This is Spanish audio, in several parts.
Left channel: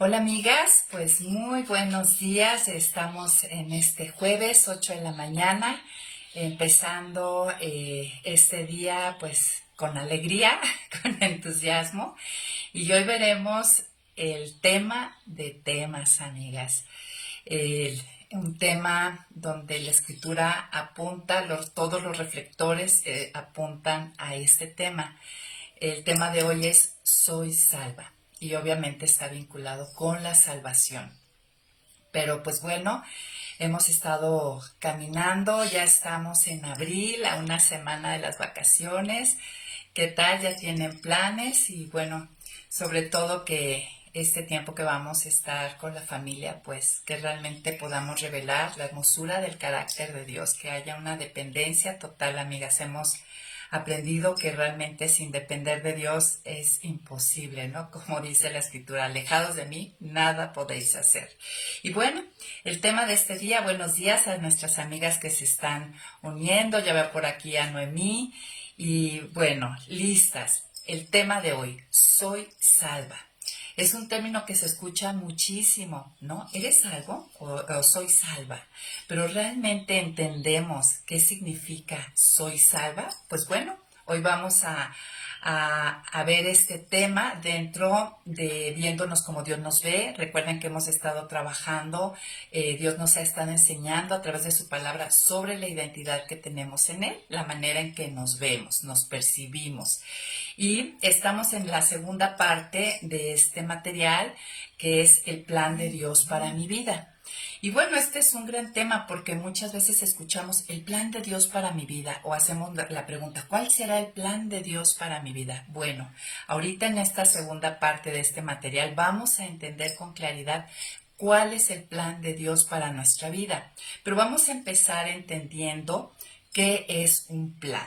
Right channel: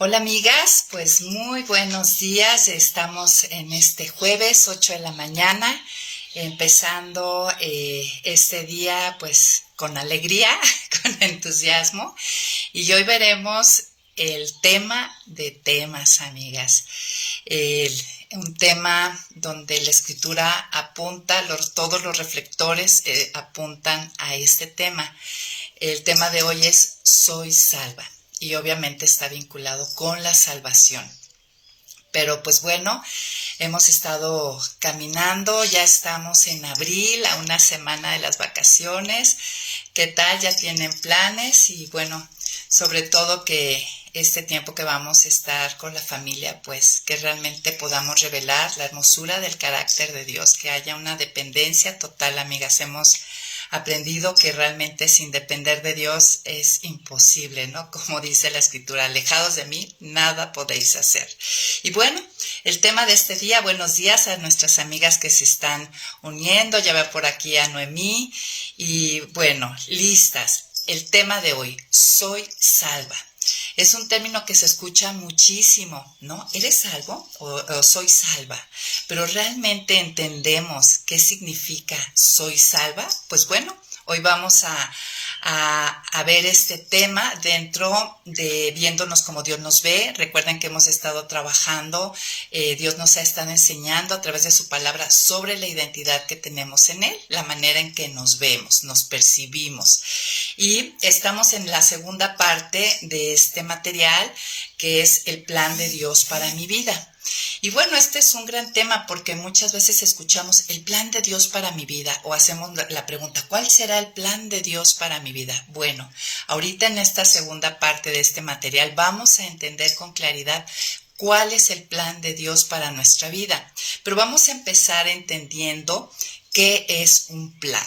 Hola amigas, pues muy buenos días. Estamos en este jueves 8 de la mañana, empezando este día pues con alegría, con entusiasmo. Y hoy veremos el tema de temas, amigas. Un tema donde la escritura apunta, todos los reflectores apuntan a este tema. El tema de hoy es Soy salva y obviamente está vinculado con la salvación. Pero pues bueno, hemos estado caminando, ya estamos en abril, a una semana de las vacaciones. ¿Qué tal? ¿Ya tienen planes? Y bueno, sobre todo que este tiempo que vamos a estar con la familia, pues que realmente podamos revelar la hermosura del carácter de Dios, que haya una dependencia total, amigas. Hemos aprendido que realmente sin depender de Dios es imposible, ¿no? Como dice la escritura, alejados de mí, nada podéis hacer. Y bueno, el tema de este día, buenos días a nuestras amigas que se están uniendo, ya veo por aquí a Noemí, y bueno, listas. El tema de hoy, soy salva. Es un término que se escucha muchísimo, ¿no? ¿Eres salvo o soy salva? Pero ¿realmente entendemos qué significa soy salva? Pues bueno, hoy vamos a ver este tema dentro de viéndonos como Dios nos ve. Recuerden que hemos estado trabajando, Dios nos ha estado enseñando a través de su palabra sobre la identidad que tenemos en Él, la manera en que nos vemos, nos percibimos. Y estamos en la segunda parte de este material, que es el plan de Dios para mi vida. Y bueno, este es un gran tema porque muchas veces escuchamos el plan de Dios para mi vida o hacemos la pregunta, ¿cuál será el plan de Dios para mi vida? Bueno, ahorita en esta segunda parte de este material vamos a entender con claridad cuál es el plan de Dios para nuestra vida. Pero vamos a empezar entendiendo qué es un plan.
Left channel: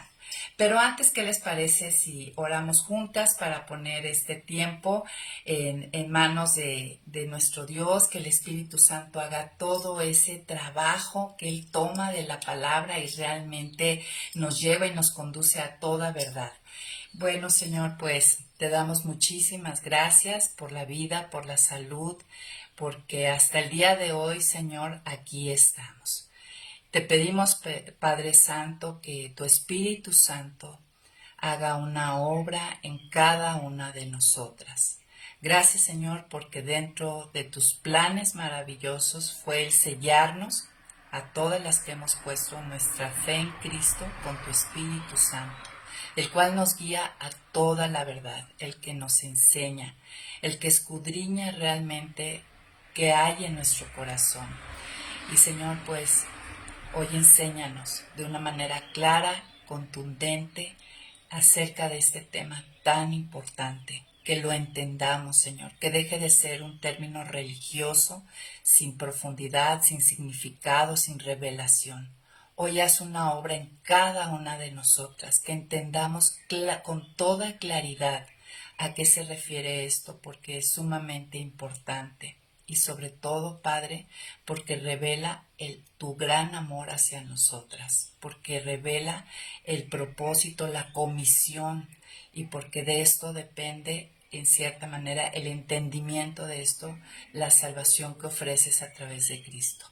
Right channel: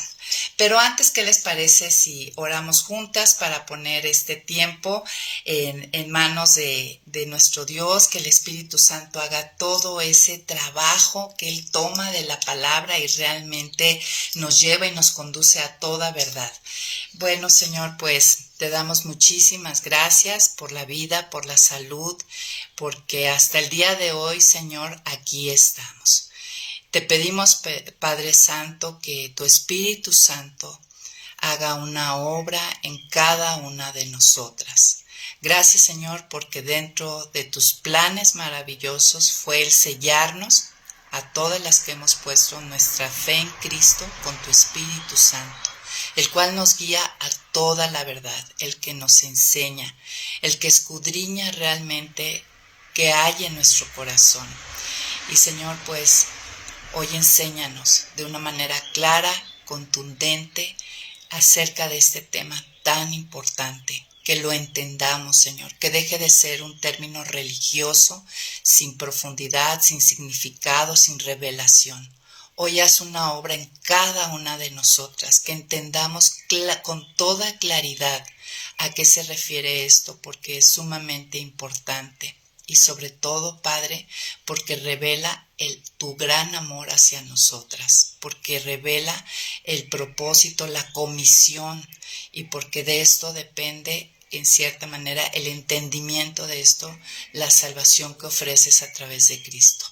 Pero antes, ¿qué les parece si oramos juntas para poner este tiempo en manos de nuestro Dios, que el Espíritu Santo haga todo ese trabajo que Él toma de la palabra y realmente nos lleva y nos conduce a toda verdad? Bueno, Señor, pues te damos muchísimas gracias por la vida, por la salud, porque hasta el día de hoy, Señor, aquí estamos. Te pedimos, Padre Santo, que tu Espíritu Santo haga una obra en cada una de nosotras. Gracias, Señor, porque dentro de tus planes maravillosos fue el sellarnos a todas las que hemos puesto nuestra fe en Cristo con tu Espíritu Santo, el cual nos guía a toda la verdad, el que nos enseña, el que escudriña realmente qué hay en nuestro corazón. Y, Señor, pues hoy enséñanos de una manera clara, contundente, acerca de este tema tan importante, que lo entendamos, Señor, que deje de ser un término religioso, sin profundidad, sin significado, sin revelación. Hoy haz una obra en cada una de nosotras, que entendamos con toda claridad a qué se refiere esto, porque es sumamente importante. Y sobre todo, Padre, porque revela tu gran amor hacia nosotras, porque revela el propósito, la comisión, y porque de esto depende, en cierta manera, el entendimiento de esto, la salvación que ofreces a través de Cristo.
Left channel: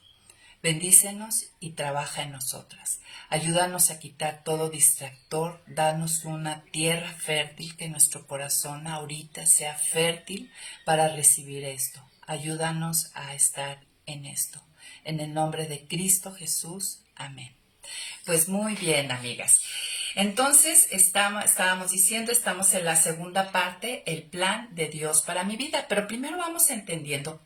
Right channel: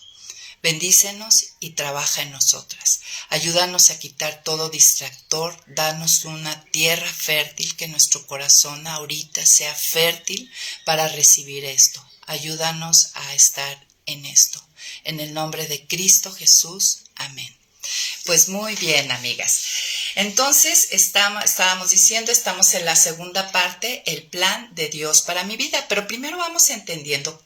Bendícenos y trabaja en nosotras. Ayúdanos a quitar todo distractor, danos una tierra fértil, que nuestro corazón ahorita sea fértil para recibir esto. Ayúdanos a estar en esto. En el nombre de Cristo Jesús. Amén. Pues muy bien, amigas. Entonces, estábamos diciendo, estamos en la segunda parte, el plan de Dios para mi vida. Pero primero vamos entendiendo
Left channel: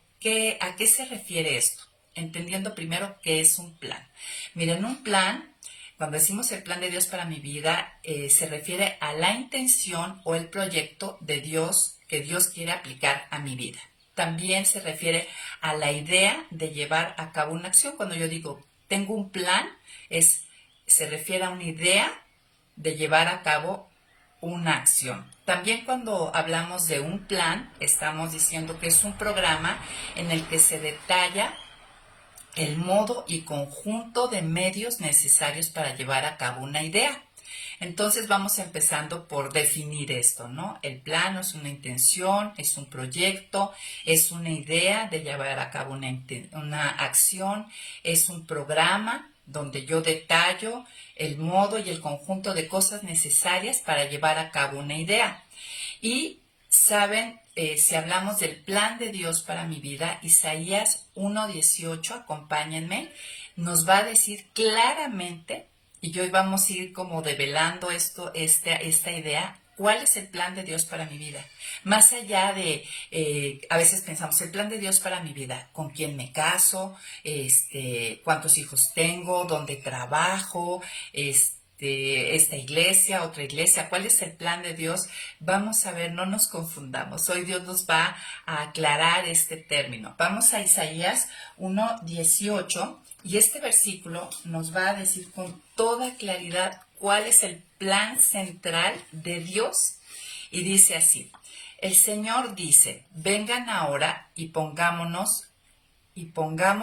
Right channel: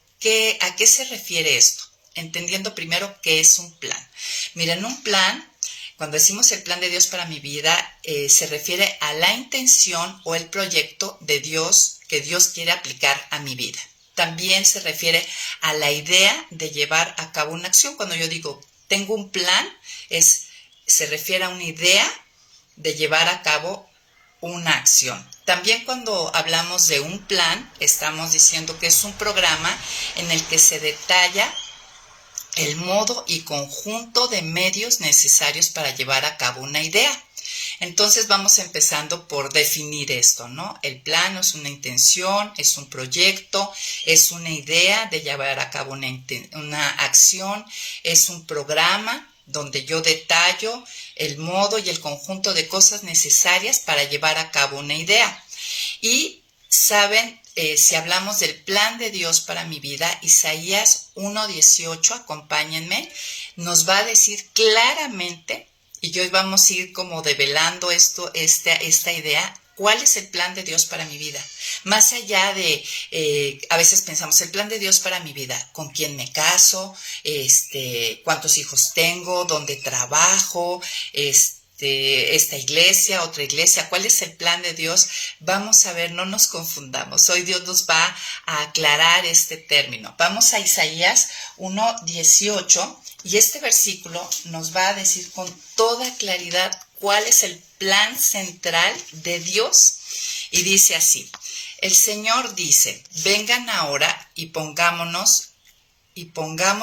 a qué se refiere esto. Entendiendo primero qué es un plan. Miren, un plan, cuando decimos el plan de Dios para mi vida, se refiere a la intención o el proyecto de Dios que Dios quiere aplicar a mi vida. También se refiere a la idea de llevar a cabo una acción. Cuando yo digo tengo un plan, se refiere a una idea de llevar a cabo una acción. También cuando hablamos de un plan, estamos diciendo que es un programa en el que se detalla el modo y conjunto de medios necesarios para llevar a cabo una idea. Entonces vamos empezando por definir esto, ¿no? El plan es una intención, es un proyecto, es una idea de llevar a cabo una acción, es un programa donde yo detallo el modo y el conjunto de cosas necesarias para llevar a cabo una idea. Y saben, si hablamos del plan de Dios para mi vida, Isaías 1:18, acompáñenme, nos va a decir claramente, y hoy vamos a ir como develando esta idea, ¿cuál es el plan de Dios para mi vida? Más allá de, a veces pensamos, el plan de Dios para mi vida, ¿con quién me caso? ¿Cuántos hijos tengo? ¿Dónde trabajo? Esta iglesia, otra iglesia, ¿cuál es el plan de Dios? Vamos a ver, no nos confundamos. Hoy Dios nos va a aclarar este término. Vamos a Isaías 1:18 y este versículo nos va a decir con toda claridad cuál es el plan central de Dios. Y dice así: el Señor dice, vengan ahora y pongamos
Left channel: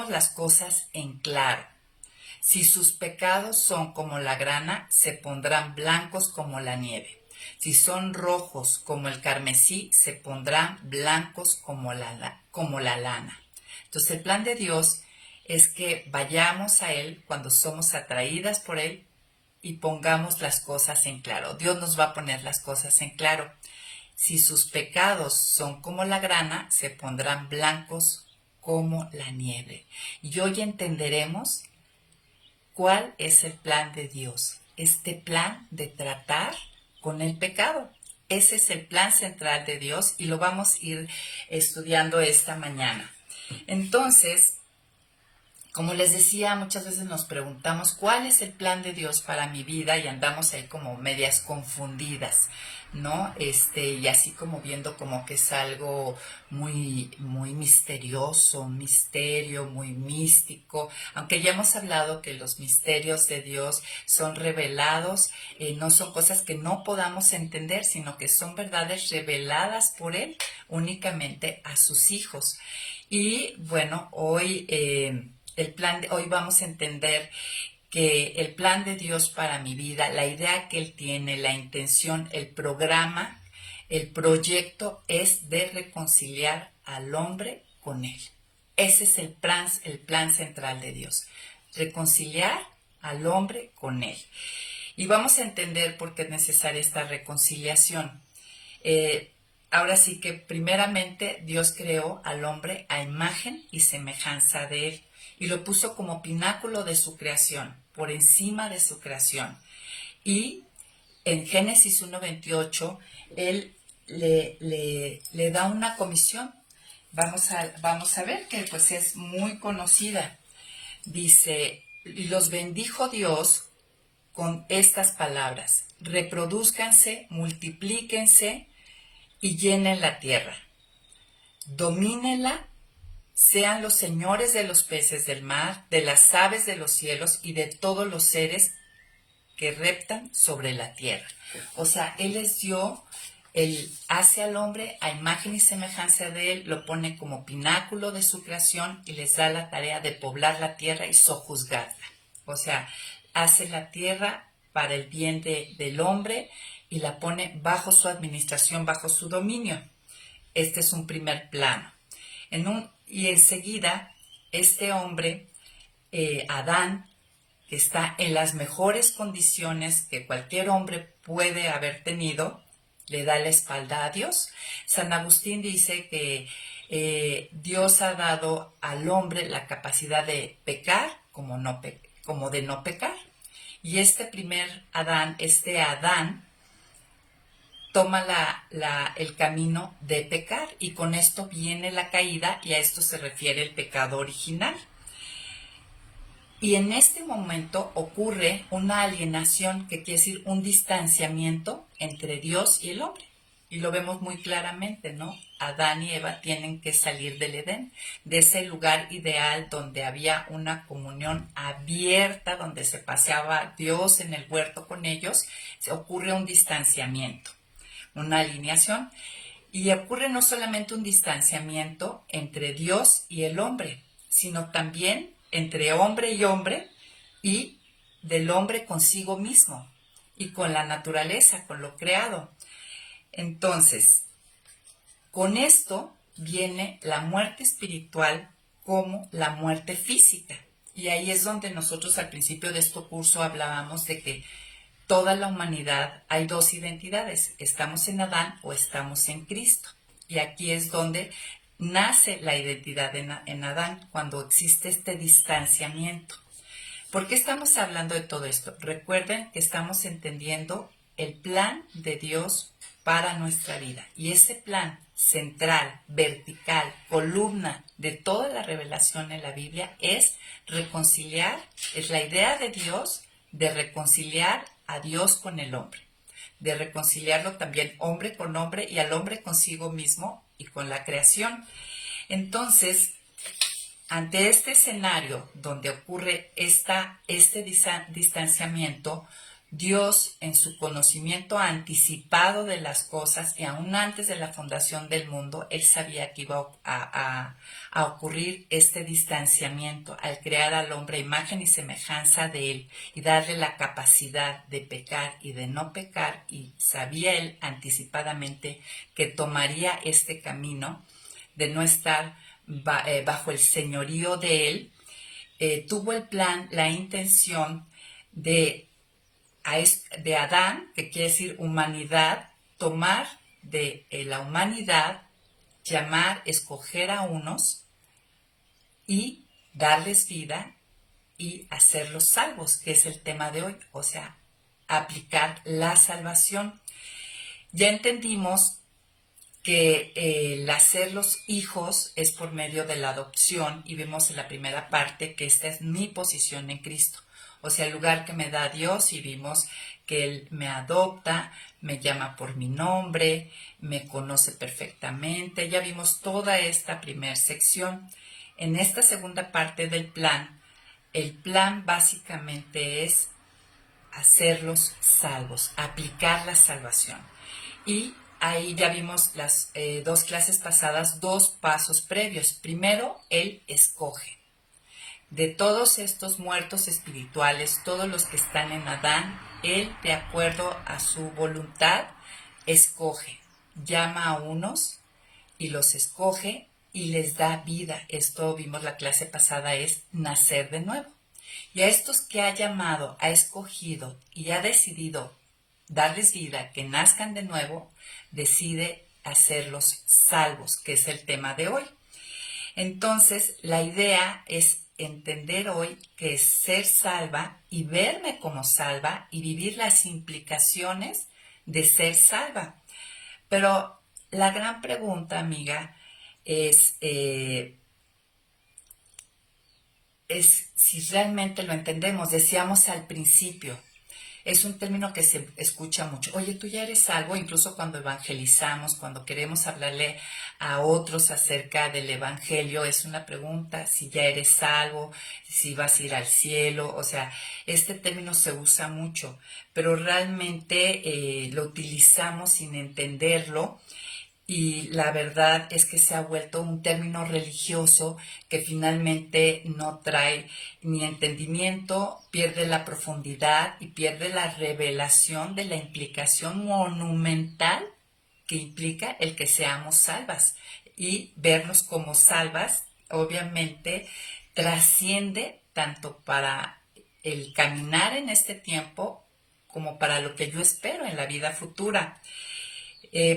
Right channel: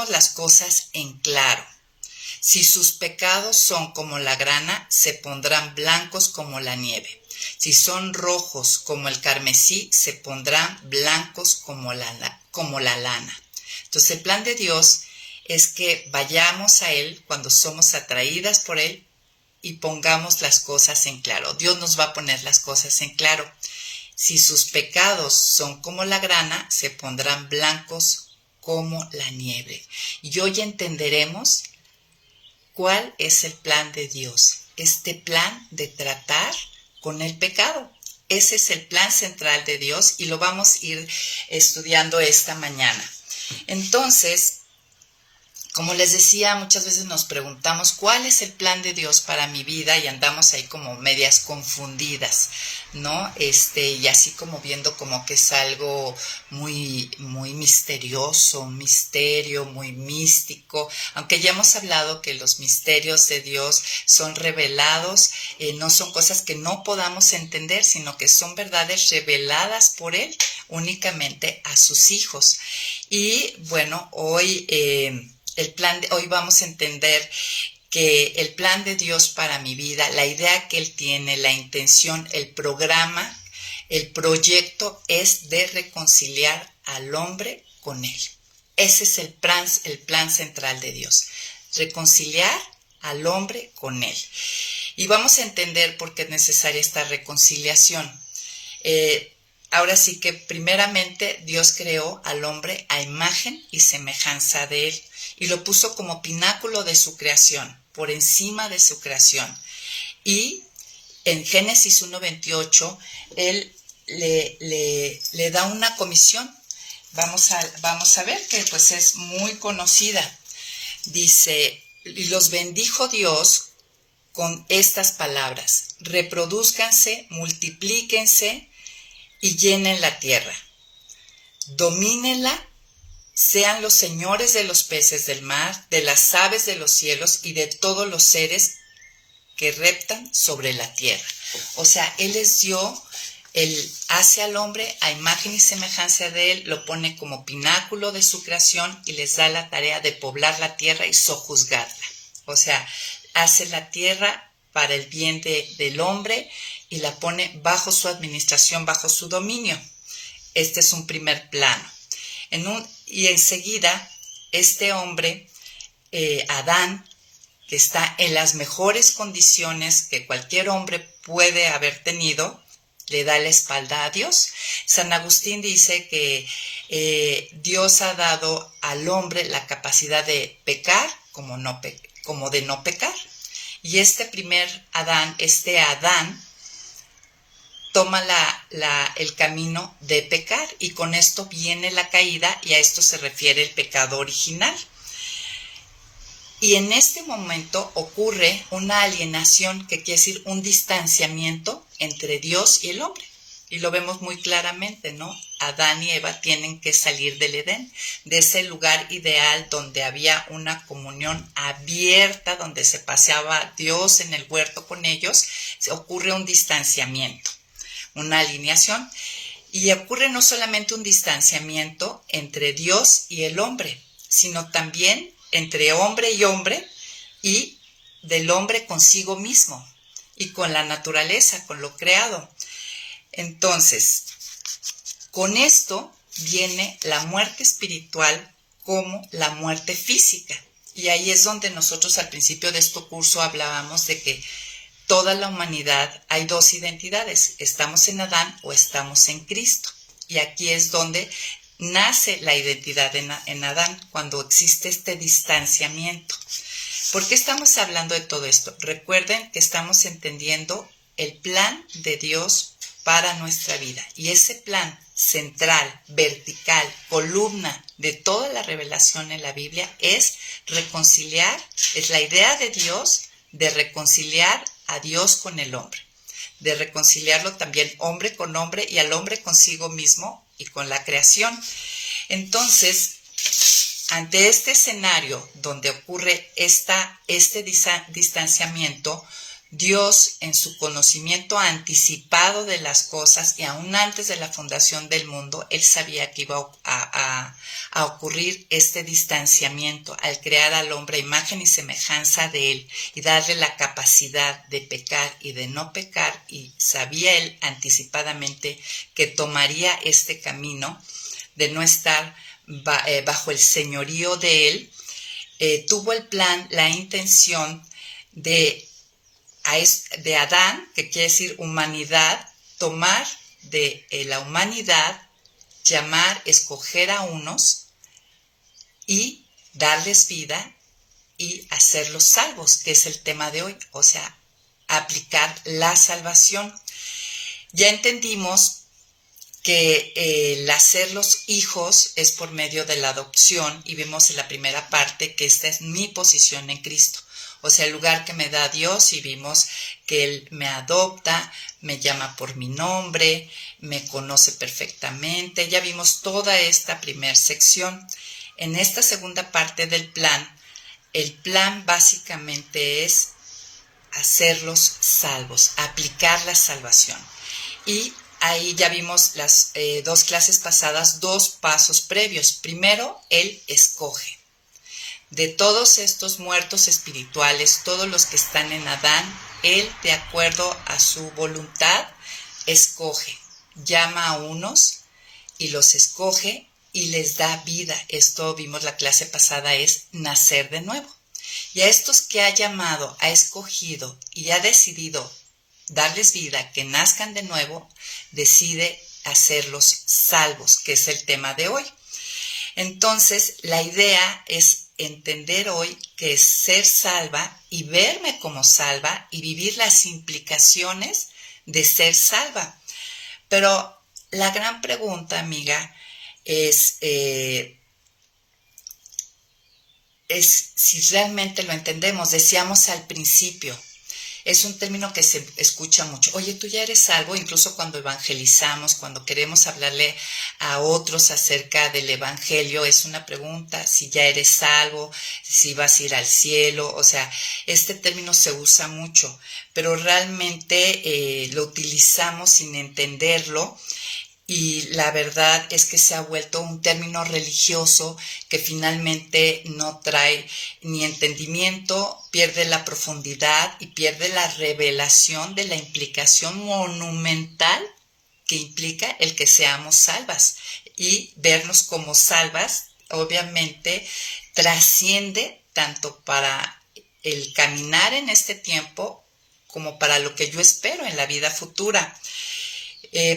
las cosas en claro. Si sus pecados son como la grana, se pondrán blancos como la nieve. Si son rojos como el carmesí, se pondrán blancos como la lana. Entonces el plan de Dios es que vayamos a Él cuando somos atraídas por Él y pongamos las cosas en claro. Dios nos va a poner las cosas en claro. Si sus pecados son como la grana, se pondrán blancos como la nieve. Y hoy entenderemos ¿cuál es el plan de Dios? Este plan de tratar con el pecado. Ese es el plan central de Dios y lo vamos a ir estudiando esta mañana. Entonces, como les decía, muchas veces nos preguntamos ¿cuál es el plan de Dios para mi vida? Y andamos ahí como medias confundidas, ¿no? Y así como viendo como que es algo muy, muy misterioso, un misterio muy místico, aunque ya hemos hablado que los misterios de Dios son revelados, no son cosas que no podamos entender, sino que son verdades reveladas por Él únicamente a sus hijos. Y bueno, hoy hoy vamos a entender que el plan de Dios para mi vida, la idea que Él tiene, la intención, el programa, el proyecto es de reconciliar al hombre con Él. Ese es el plan central de Dios, reconciliar al hombre con Él. Y vamos a entender por qué es necesaria esta reconciliación. Ahora sí que primeramente Dios creó al hombre a imagen y semejanza de Él y lo puso como pináculo de su creación, por encima de su creación. Y en Génesis 1:28 Él le da una comisión. Vamos a ver que pues es muy conocida. Dice, y los bendijo Dios con estas palabras: reprodúzcanse, multiplíquense y llenen la tierra, domínenla, sean los señores de los peces del mar, de las aves de los cielos y de todos los seres que reptan sobre la tierra. O sea, Él Él hace al hombre a imagen y semejanza de Él, lo pone como pináculo de su creación y les da la tarea de poblar la tierra y sojuzgarla. O sea, hace la tierra para el bien del hombre y la pone bajo su administración, bajo su dominio. Este es un primer plano. Y enseguida, este hombre, Adán, que está en las mejores condiciones que cualquier hombre puede haber tenido, le da la espalda a Dios. San Agustín dice que Dios ha dado al hombre la capacidad de pecar como de no pecar. Y este primer Adán, toma el camino de pecar y con esto viene la caída y a esto se refiere el pecado original. Y en este momento ocurre una alienación, que quiere decir un distanciamiento entre Dios y el hombre. Y lo vemos muy claramente, ¿no? Adán y Eva tienen que salir del Edén, de ese lugar ideal donde había una comunión abierta, donde se paseaba Dios en el huerto con ellos. Ocurre un distanciamiento, una alineación, y ocurre no solamente un distanciamiento entre Dios y el hombre, sino también entre hombre y del hombre consigo mismo. y con la naturaleza, con lo creado. Entonces, con esto viene la muerte espiritual como la muerte física. Y ahí es donde nosotros al principio de este curso hablábamos de que toda la humanidad hay dos identidades, estamos en Adán o estamos en Cristo. Y aquí es donde nace la identidad en Adán, cuando existe este distanciamiento. ¿Por qué estamos hablando de todo esto? Recuerden que estamos entendiendo el plan de Dios para nuestra vida. Y ese plan central, vertical, columna de toda la revelación en la Biblia es reconciliar, es la idea de Dios de reconciliar a Dios con el hombre, de reconciliarlo también hombre con hombre y al hombre consigo mismo y con la creación. Entonces, ante este escenario donde ocurre este distanciamiento, Dios, en su conocimiento anticipado de las cosas y aún antes de la fundación del mundo, Él sabía que iba a ocurrir este distanciamiento al crear al hombre a imagen y semejanza de Él y darle la capacidad de pecar y de no pecar, y sabía Él anticipadamente que tomaría este camino de no estar bajo el señorío de Él. Tuvo el plan, la intención de Adán, que quiere decir humanidad, tomar de la humanidad, llamar, escoger a unos y darles vida y hacerlos salvos, que es el tema de hoy, o sea, aplicar la salvación. Ya entendimos que el hacerlos hijos es por medio de la adopción, y vimos en la primera parte que esta es mi posición en Cristo. O sea, el lugar que me da Dios, y vimos que Él me adopta, me llama por mi nombre, me conoce perfectamente. Ya vimos toda esta primera sección. En esta segunda parte del plan, el plan básicamente es hacerlos salvos, aplicar la salvación. Y ahí ya vimos las dos clases pasadas, dos pasos previos. Primero, Él escoge. De todos estos muertos espirituales, todos los que están en Adán, Él, de acuerdo a su voluntad, escoge, llama a unos y los escoge y les da vida. Esto vimos la clase pasada, es nacer de nuevo. Y a estos que ha llamado, ha escogido y ha decidido darles vida, que nazcan de nuevo, decide hacerlos salvos, que es el tema de hoy. Entonces, la idea es entender hoy que es ser salva y verme como salva y vivir las implicaciones de ser salva. Pero la gran pregunta, amiga, es si realmente lo entendemos. Decíamos al principio, es un término que se escucha mucho. Oye, tú ya eres salvo, incluso cuando evangelizamos, cuando queremos hablarle a otros acerca del evangelio, es una pregunta, si ya eres salvo, si vas a ir al cielo. O sea, este término se usa mucho, pero realmente lo utilizamos sin entenderlo. Y la verdad es que se ha vuelto un término religioso que finalmente no trae ni entendimiento, pierde la profundidad y pierde la revelación de la implicación monumental que implica el que seamos salvas. Y vernos como salvas, obviamente, trasciende tanto para el caminar en este tiempo como para lo que yo espero en la vida futura.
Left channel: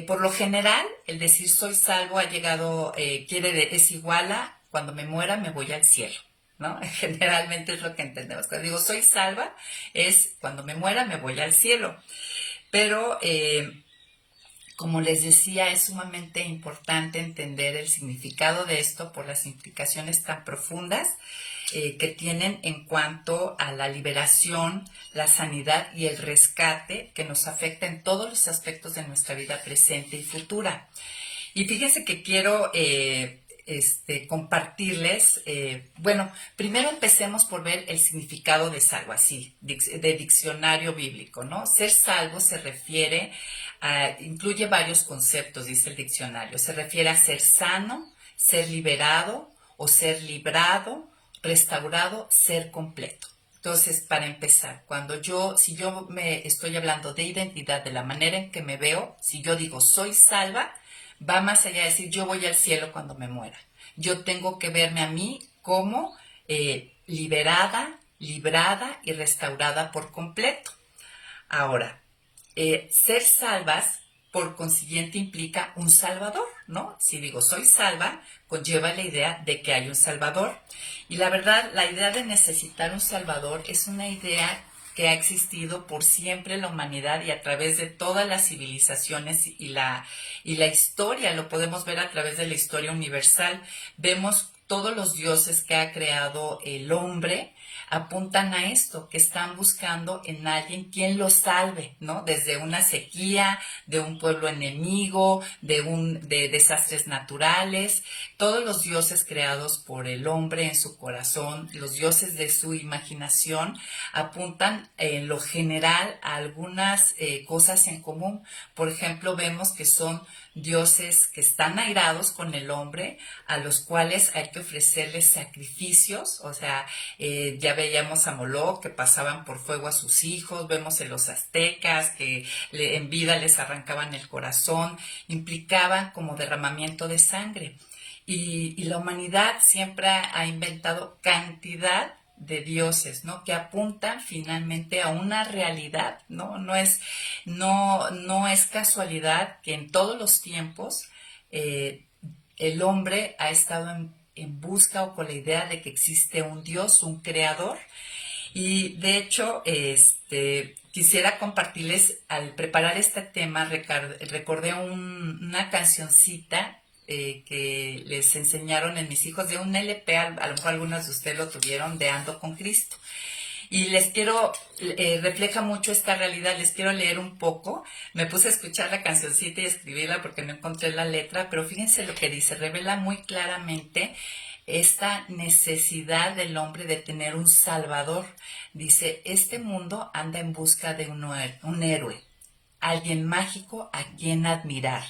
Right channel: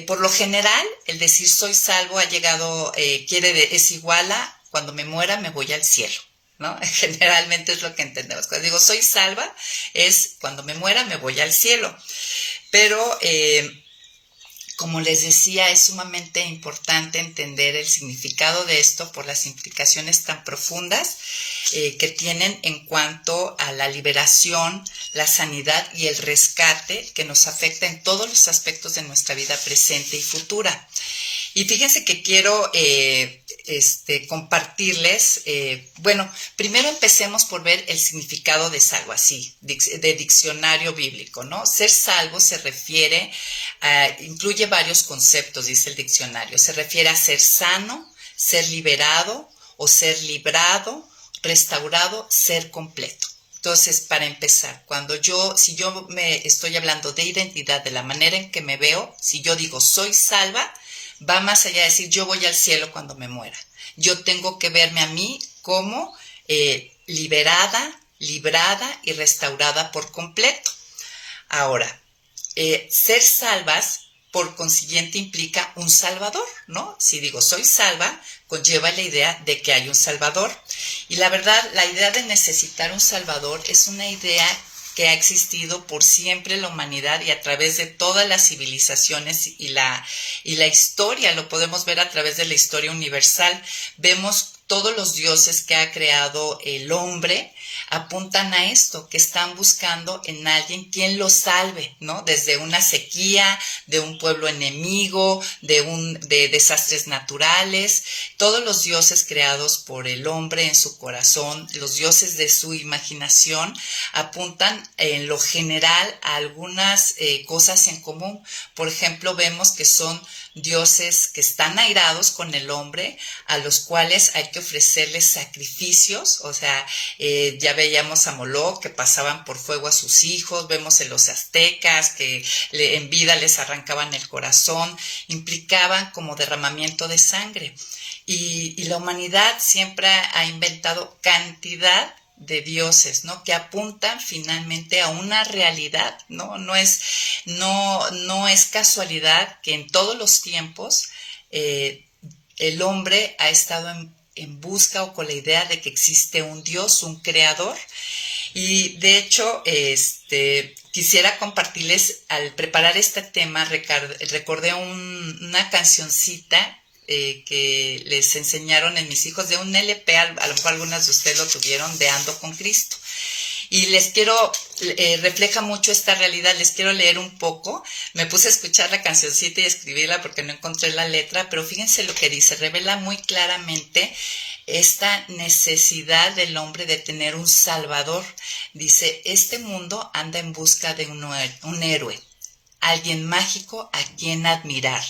Por lo general, el decir soy salvo ha llegado, es igual a cuando me muera me voy al cielo, ¿no? Generalmente es lo que entendemos. Cuando digo soy salva, es cuando me muera me voy al cielo. Pero, como les decía, es sumamente importante entender el significado de esto por las implicaciones tan profundas que tienen en cuanto a la liberación, la sanidad y el rescate que nos afecta en todos los aspectos de nuestra vida presente y futura. Y fíjense que quiero compartirles, bueno, primero empecemos por ver el significado de salvo, así, de diccionario bíblico, ¿no? Ser salvo se refiere incluye varios conceptos, dice el diccionario. Se refiere a ser sano, ser liberado o ser librado, restaurado, ser completo. Entonces, para empezar, si yo me estoy hablando de identidad, de la manera en que me veo, si yo digo soy salva, va más allá de decir yo voy al cielo cuando me muera. Yo tengo que verme a mí como liberada, librada y restaurada por completo. Ahora, ser salvas, por consiguiente, implica un salvador, ¿no? Si digo soy salva, conlleva la idea de que hay un salvador. Y la verdad, la idea de necesitar un salvador es una idea que ha existido por siempre en la humanidad y a través de todas las civilizaciones y la historia, lo podemos ver a través de la historia universal. Vemos todos los dioses que ha creado el hombre apuntan a esto, que están buscando en alguien quien los salve, ¿no? Desde una sequía, de un pueblo enemigo, de desastres naturales. Todos los dioses creados por el hombre en su corazón, los dioses de su imaginación, apuntan en lo general a algunas cosas en común. Por ejemplo, vemos que son dioses que están airados con el hombre, a los cuales hay que ofrecerles sacrificios. O sea, ya veíamos a Moloch que pasaban por fuego a sus hijos, vemos en los aztecas que en vida les arrancaban el corazón, implicaban como derramamiento de sangre. Y la humanidad siempre ha inventado cantidad de dioses, ¿no? Que apuntan finalmente a una realidad, ¿no? No es casualidad que en todos los tiempos el hombre ha estado en busca o con la idea de que existe un Dios, un creador. Y de hecho, quisiera compartirles, al preparar este tema, recordé una cancioncita que les enseñaron en mis hijos de un LP, a lo mejor algunas de ustedes lo tuvieron, de Ando con Cristo. Y refleja mucho esta realidad, les quiero leer un poco. Me puse a escuchar la cancioncita y a escribirla porque no encontré la letra, pero fíjense lo que dice, revela muy claramente esta necesidad del hombre de tener un salvador. Dice, este mundo anda en busca de un héroe, alguien mágico a quien admirar,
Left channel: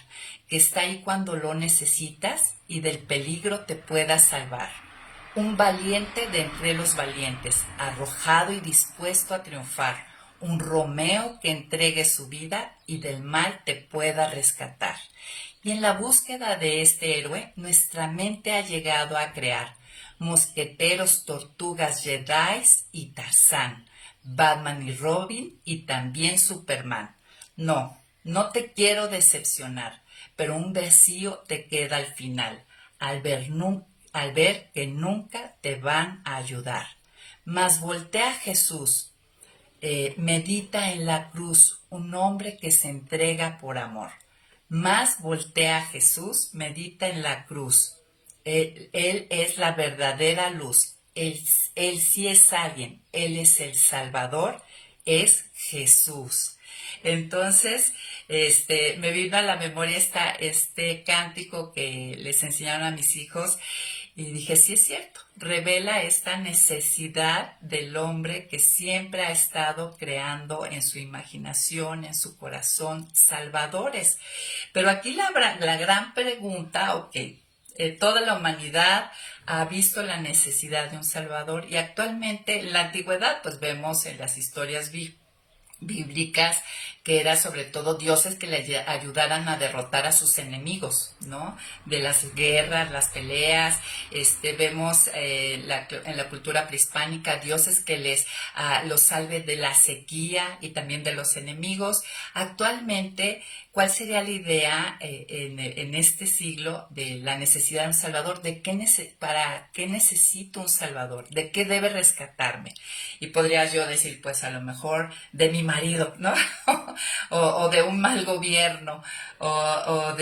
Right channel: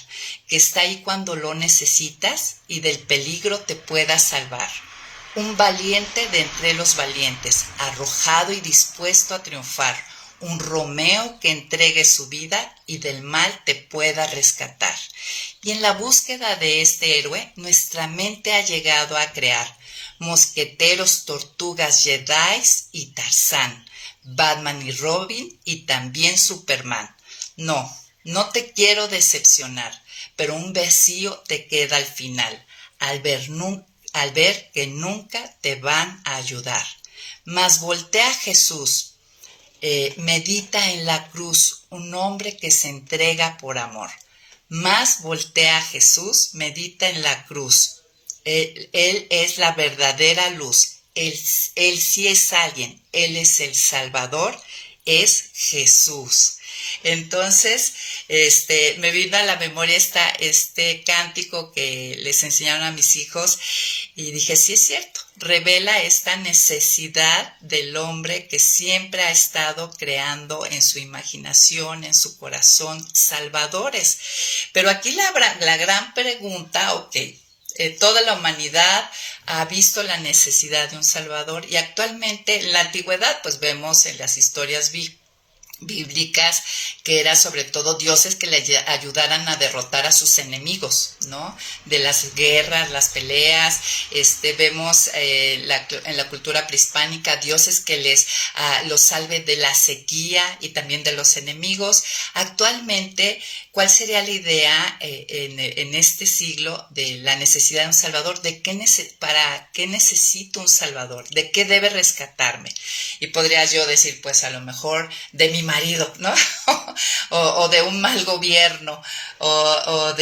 que está ahí cuando lo necesitas y del peligro te pueda salvar. Un valiente de entre los valientes, arrojado y dispuesto a triunfar. Un Romeo que entregue su vida y del mal te pueda rescatar. Y en la búsqueda de este héroe, nuestra mente ha llegado a crear mosqueteros, tortugas, jedis y Tarzán, Batman y Robin y también Superman. No te quiero decepcionar, pero un vacío te queda al final, al ver que nunca te van a ayudar. Mas voltea a Jesús, medita en la cruz, un hombre que se entrega por amor. Más voltea a Jesús, medita en la cruz. Él es la verdadera luz. Él sí es alguien. Él es el Salvador. Es Jesús. Entonces, me vino a la memoria este cántico que les enseñaron a mis hijos y dije, sí es cierto, revela esta necesidad del hombre que siempre ha estado creando en su imaginación, en su corazón, salvadores. Pero aquí la gran pregunta, toda la humanidad ha visto la necesidad de un salvador y actualmente en la antigüedad pues vemos en las historias bíblicas que era sobre todo dioses que le ayudaran a derrotar a sus enemigos, ¿no? De las guerras, las peleas, vemos en la cultura prehispánica dioses que los salve de la sequía y también de los enemigos. Actualmente, ¿cuál sería la idea en este siglo de la necesidad de un salvador? ¿Para qué necesito un salvador? ¿De qué debe rescatarme? Y podría yo decir, pues a lo mejor de mi marido, ¿no? o de un mal gobierno, o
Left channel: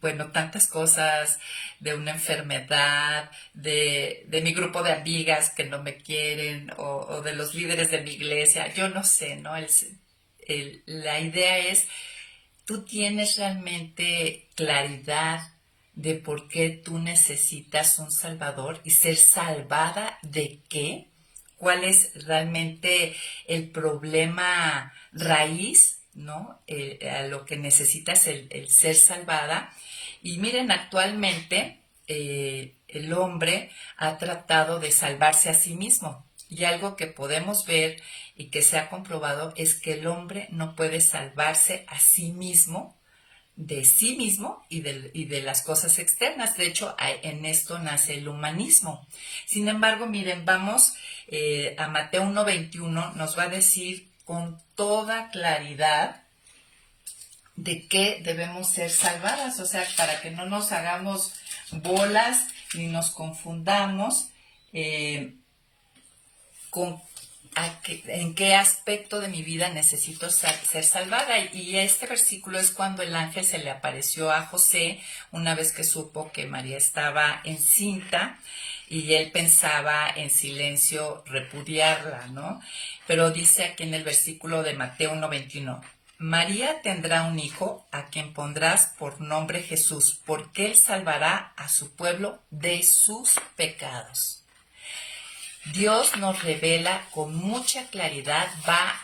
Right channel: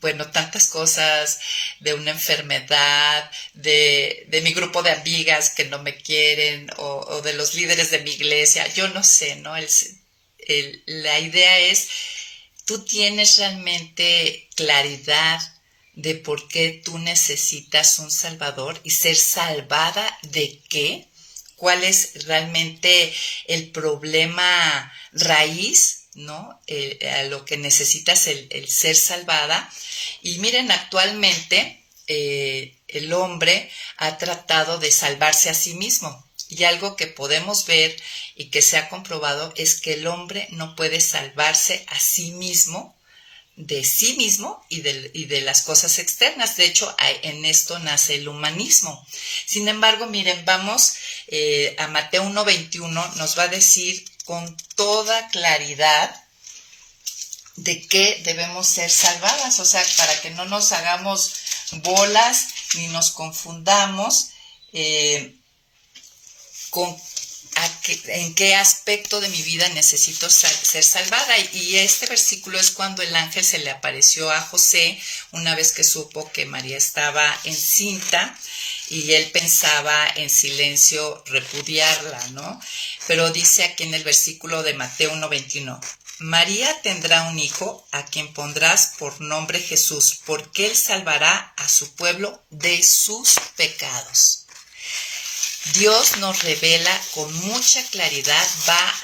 bueno, tantas cosas, de una enfermedad, de mi grupo de amigas que no me quieren, o de los líderes de mi iglesia, yo no sé, ¿no? La idea es, tú tienes realmente claridad de por qué tú necesitas un salvador y ser salvada de qué, cuál es realmente el problema raíz, ¿no? A lo que necesitas el ser salvada. Y miren, actualmente el hombre ha tratado de salvarse a sí mismo. Y algo que podemos ver y que se ha comprobado es que el hombre no puede salvarse a sí mismo, de sí mismo y de las cosas externas. De hecho, en esto nace el humanismo. Sin embargo, miren, vamos a Mateo 1:21, nos va a decir con toda claridad de qué debemos ser salvadas, o sea, para que no nos hagamos bolas ni nos confundamos con en qué aspecto de mi vida necesito ser salvada. Y este versículo es cuando el ángel se le apareció a José una vez que supo que María estaba encinta y él pensaba en silencio repudiarla, ¿no? Pero dice aquí en el versículo de Mateo 1:21, María tendrá un hijo a quien pondrás por nombre Jesús, porque él salvará a su pueblo de sus pecados. Dios nos revela con mucha claridad, va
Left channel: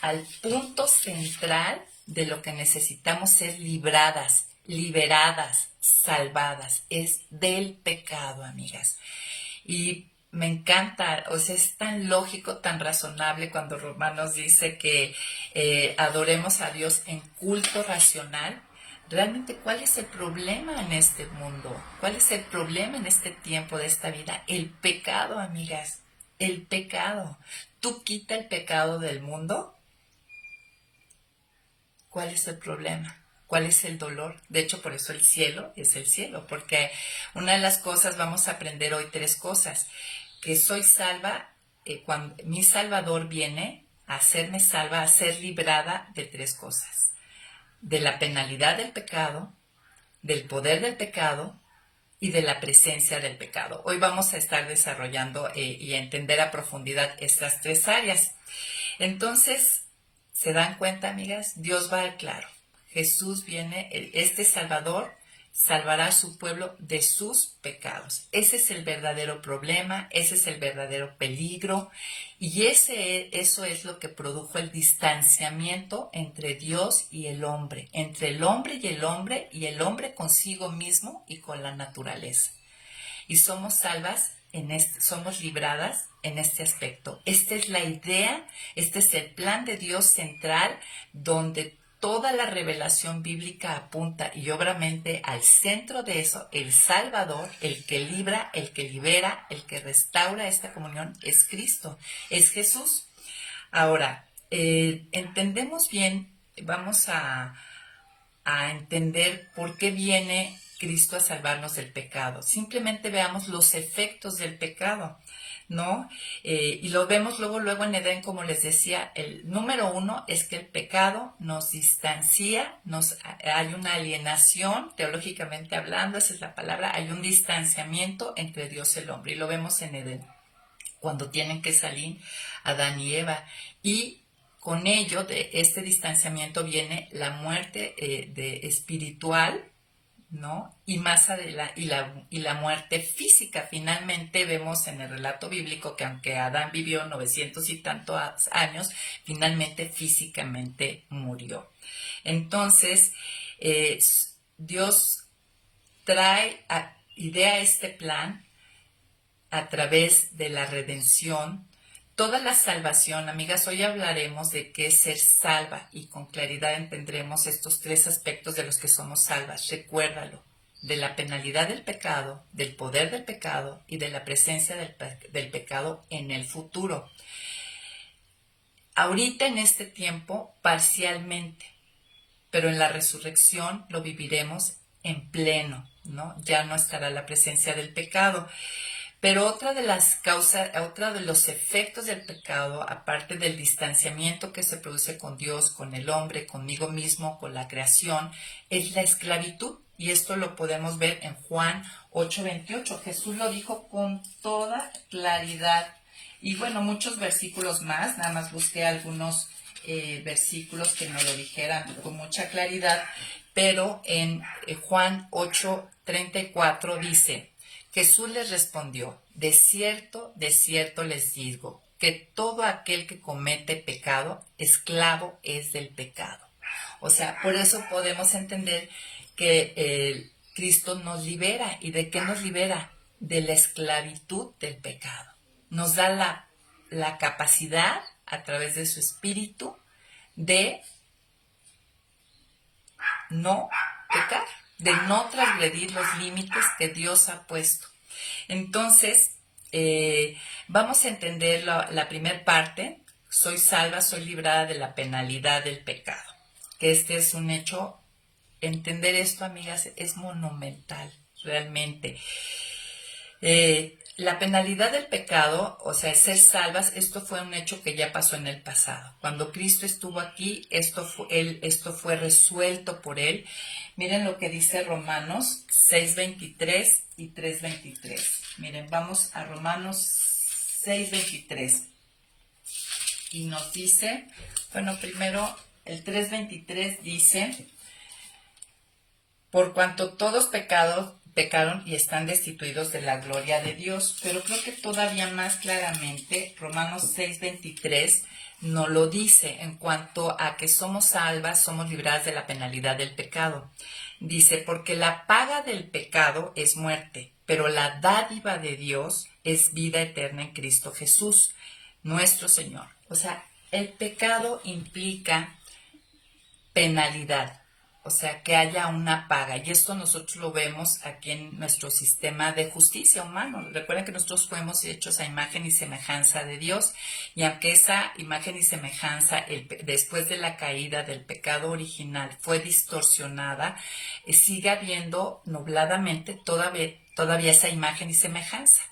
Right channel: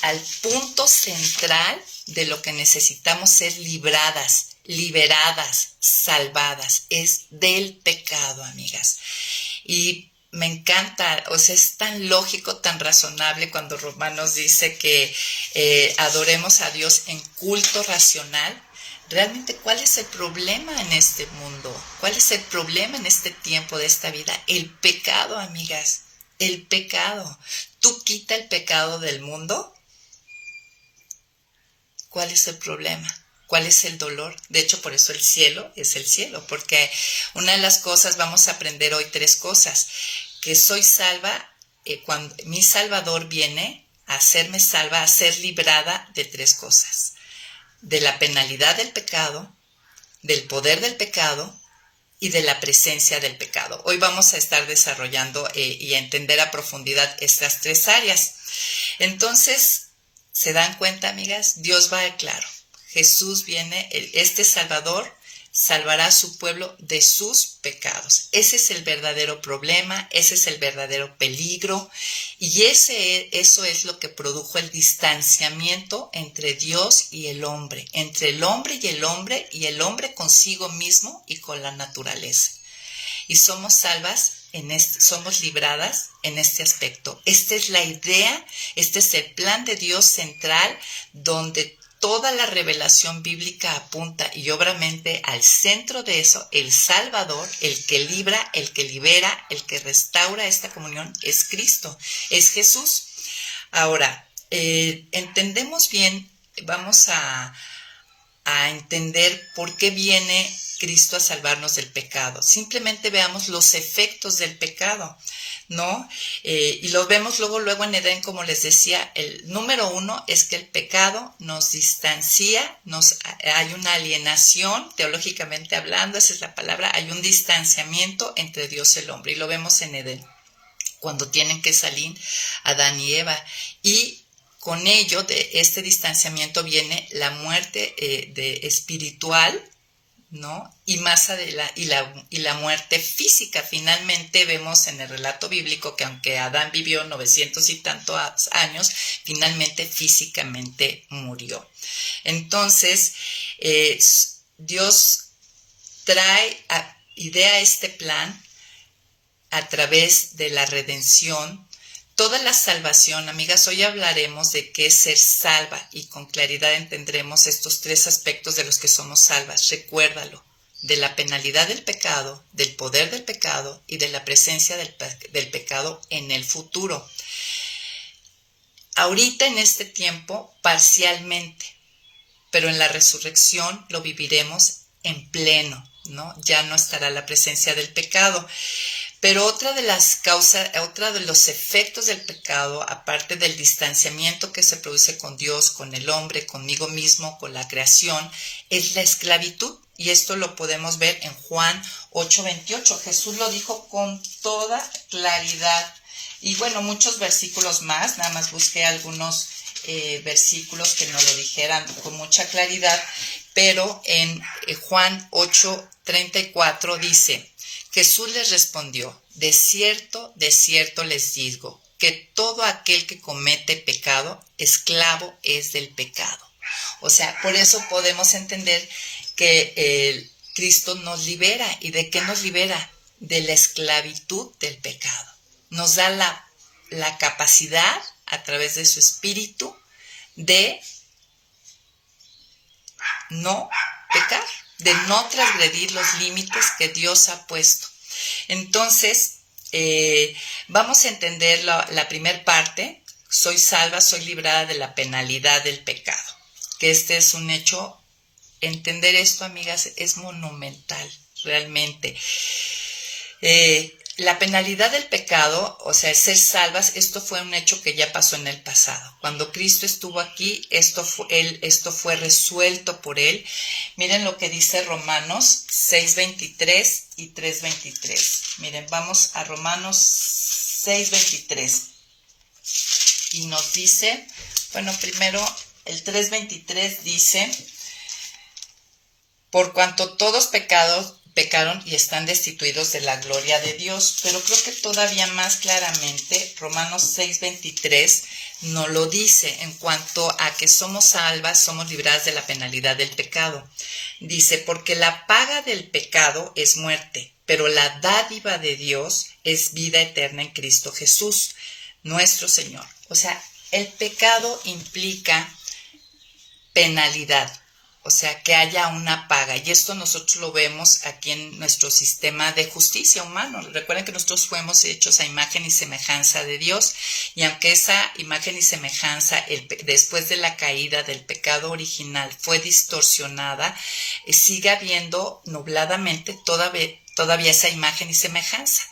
al punto central de lo que necesitamos ser libradas, liberadas, salvadas. Es del pecado, amigas. Y me encanta, o sea, es tan lógico, tan razonable cuando Romanos dice que adoremos a Dios en culto racional. Realmente, ¿cuál es el problema en este mundo? ¿Cuál es el problema en este tiempo de esta vida? El pecado, amigas, el pecado. ¿Tú quita el pecado del mundo? ¿Cuál es el problema? ¿Cuál es el dolor? De hecho, por eso el cielo es el cielo, porque una de las cosas, vamos a aprender hoy 3 cosas, que soy salva, cuando mi Salvador viene a hacerme salva, a ser librada de 3 cosas. De la penalidad del pecado, del poder del pecado y de la presencia del pecado. Hoy vamos a estar desarrollando y a entender a profundidad estas 3 áreas. Entonces, ¿se dan cuenta, amigas? Dios va claro. Jesús viene, este Salvador salvará a su pueblo de sus pecados. Ese es el verdadero problema, ese es el verdadero peligro, y eso es lo que produjo el distanciamiento entre Dios y el hombre, entre el hombre y el hombre consigo mismo y con la naturaleza. Y somos salvas somos libradas en este aspecto. Esta es la idea, este es el plan de Dios central, donde toda la revelación bíblica apunta y obviamente al centro de eso, el Salvador, el que libra, el que libera, el que restaura esta comunión, es Cristo, es Jesús. Ahora, entendemos bien, vamos a entender por qué viene Cristo a salvarnos del pecado. Simplemente veamos los efectos del pecado, ¿no? Y los vemos luego en Edén, como les decía. El número 1 es que el pecado nos distancia, hay una alienación, teológicamente hablando, esa es la palabra, hay un distanciamiento entre Dios y el hombre, y lo vemos en Edén, cuando tienen que salir Adán y Eva, y con ello, de este distanciamiento, viene la muerte espiritual, ¿no? Y la muerte física. Finalmente vemos en el relato bíblico que aunque Adán vivió 900 y tantos años, finalmente físicamente murió. Entonces, Dios idea este plan a través de la redención. Toda la salvación, amigas, hoy hablaremos de qué es ser salva y con claridad entendremos estos 3 aspectos de los que somos salvas. Recuérdalo, de la penalidad del pecado, del poder del pecado y de la presencia del pecado en el futuro. Ahorita en este tiempo, parcialmente, pero en la resurrección lo viviremos en pleno, ¿no? Ya no estará la presencia del pecado. Pero otra de los efectos del pecado, aparte del distanciamiento que se produce con Dios, con el hombre, conmigo mismo, con la creación, es la esclavitud. Y esto lo podemos ver en Juan 8:28. Jesús lo dijo con toda claridad. Y bueno, muchos versículos más, nada más busqué algunos versículos que nos lo dijeran con mucha claridad. Pero en Juan 8:34 dice: Jesús les respondió: de cierto les digo, que todo aquel que comete pecado, esclavo es del pecado. O sea, por eso podemos entender que Cristo nos libera. ¿Y de qué nos libera? De la esclavitud del pecado. Nos da la capacidad, a través de su espíritu, de no pecar, de no transgredir los límites que Dios ha puesto. Entonces, vamos a entender la primera parte. Soy salva, soy librada de la penalidad del pecado. Que este es un hecho. Entender esto, amigas, es monumental, realmente. La penalidad del pecado, o sea, ser salvas, esto fue un hecho que ya pasó en el pasado. Cuando Cristo estuvo aquí, esto fue resuelto por Él. Miren lo que dice Romanos 6:23 y 3:23. Miren, vamos a Romanos 6:23. Y nos dice, bueno, primero el 3:23 dice: por cuanto todos pecaron y están destituidos de la gloria de Dios. Pero creo que todavía más claramente Romanos 6:23 nos lo dice en cuanto a que somos salvas, somos libradas de la penalidad del pecado. Dice, porque la paga del pecado es muerte, pero la dádiva de Dios es vida eterna en Cristo Jesús, nuestro Señor. O sea, el pecado implica penalidad. O sea, que haya una paga. Y esto nosotros lo vemos aquí en nuestro sistema de justicia humano. Recuerden que nosotros fuimos hechos a imagen y semejanza de Dios. Y aunque esa imagen y semejanza, después de la caída del pecado original, fue distorsionada, sigue habiendo nubladamente todavía esa imagen y semejanza.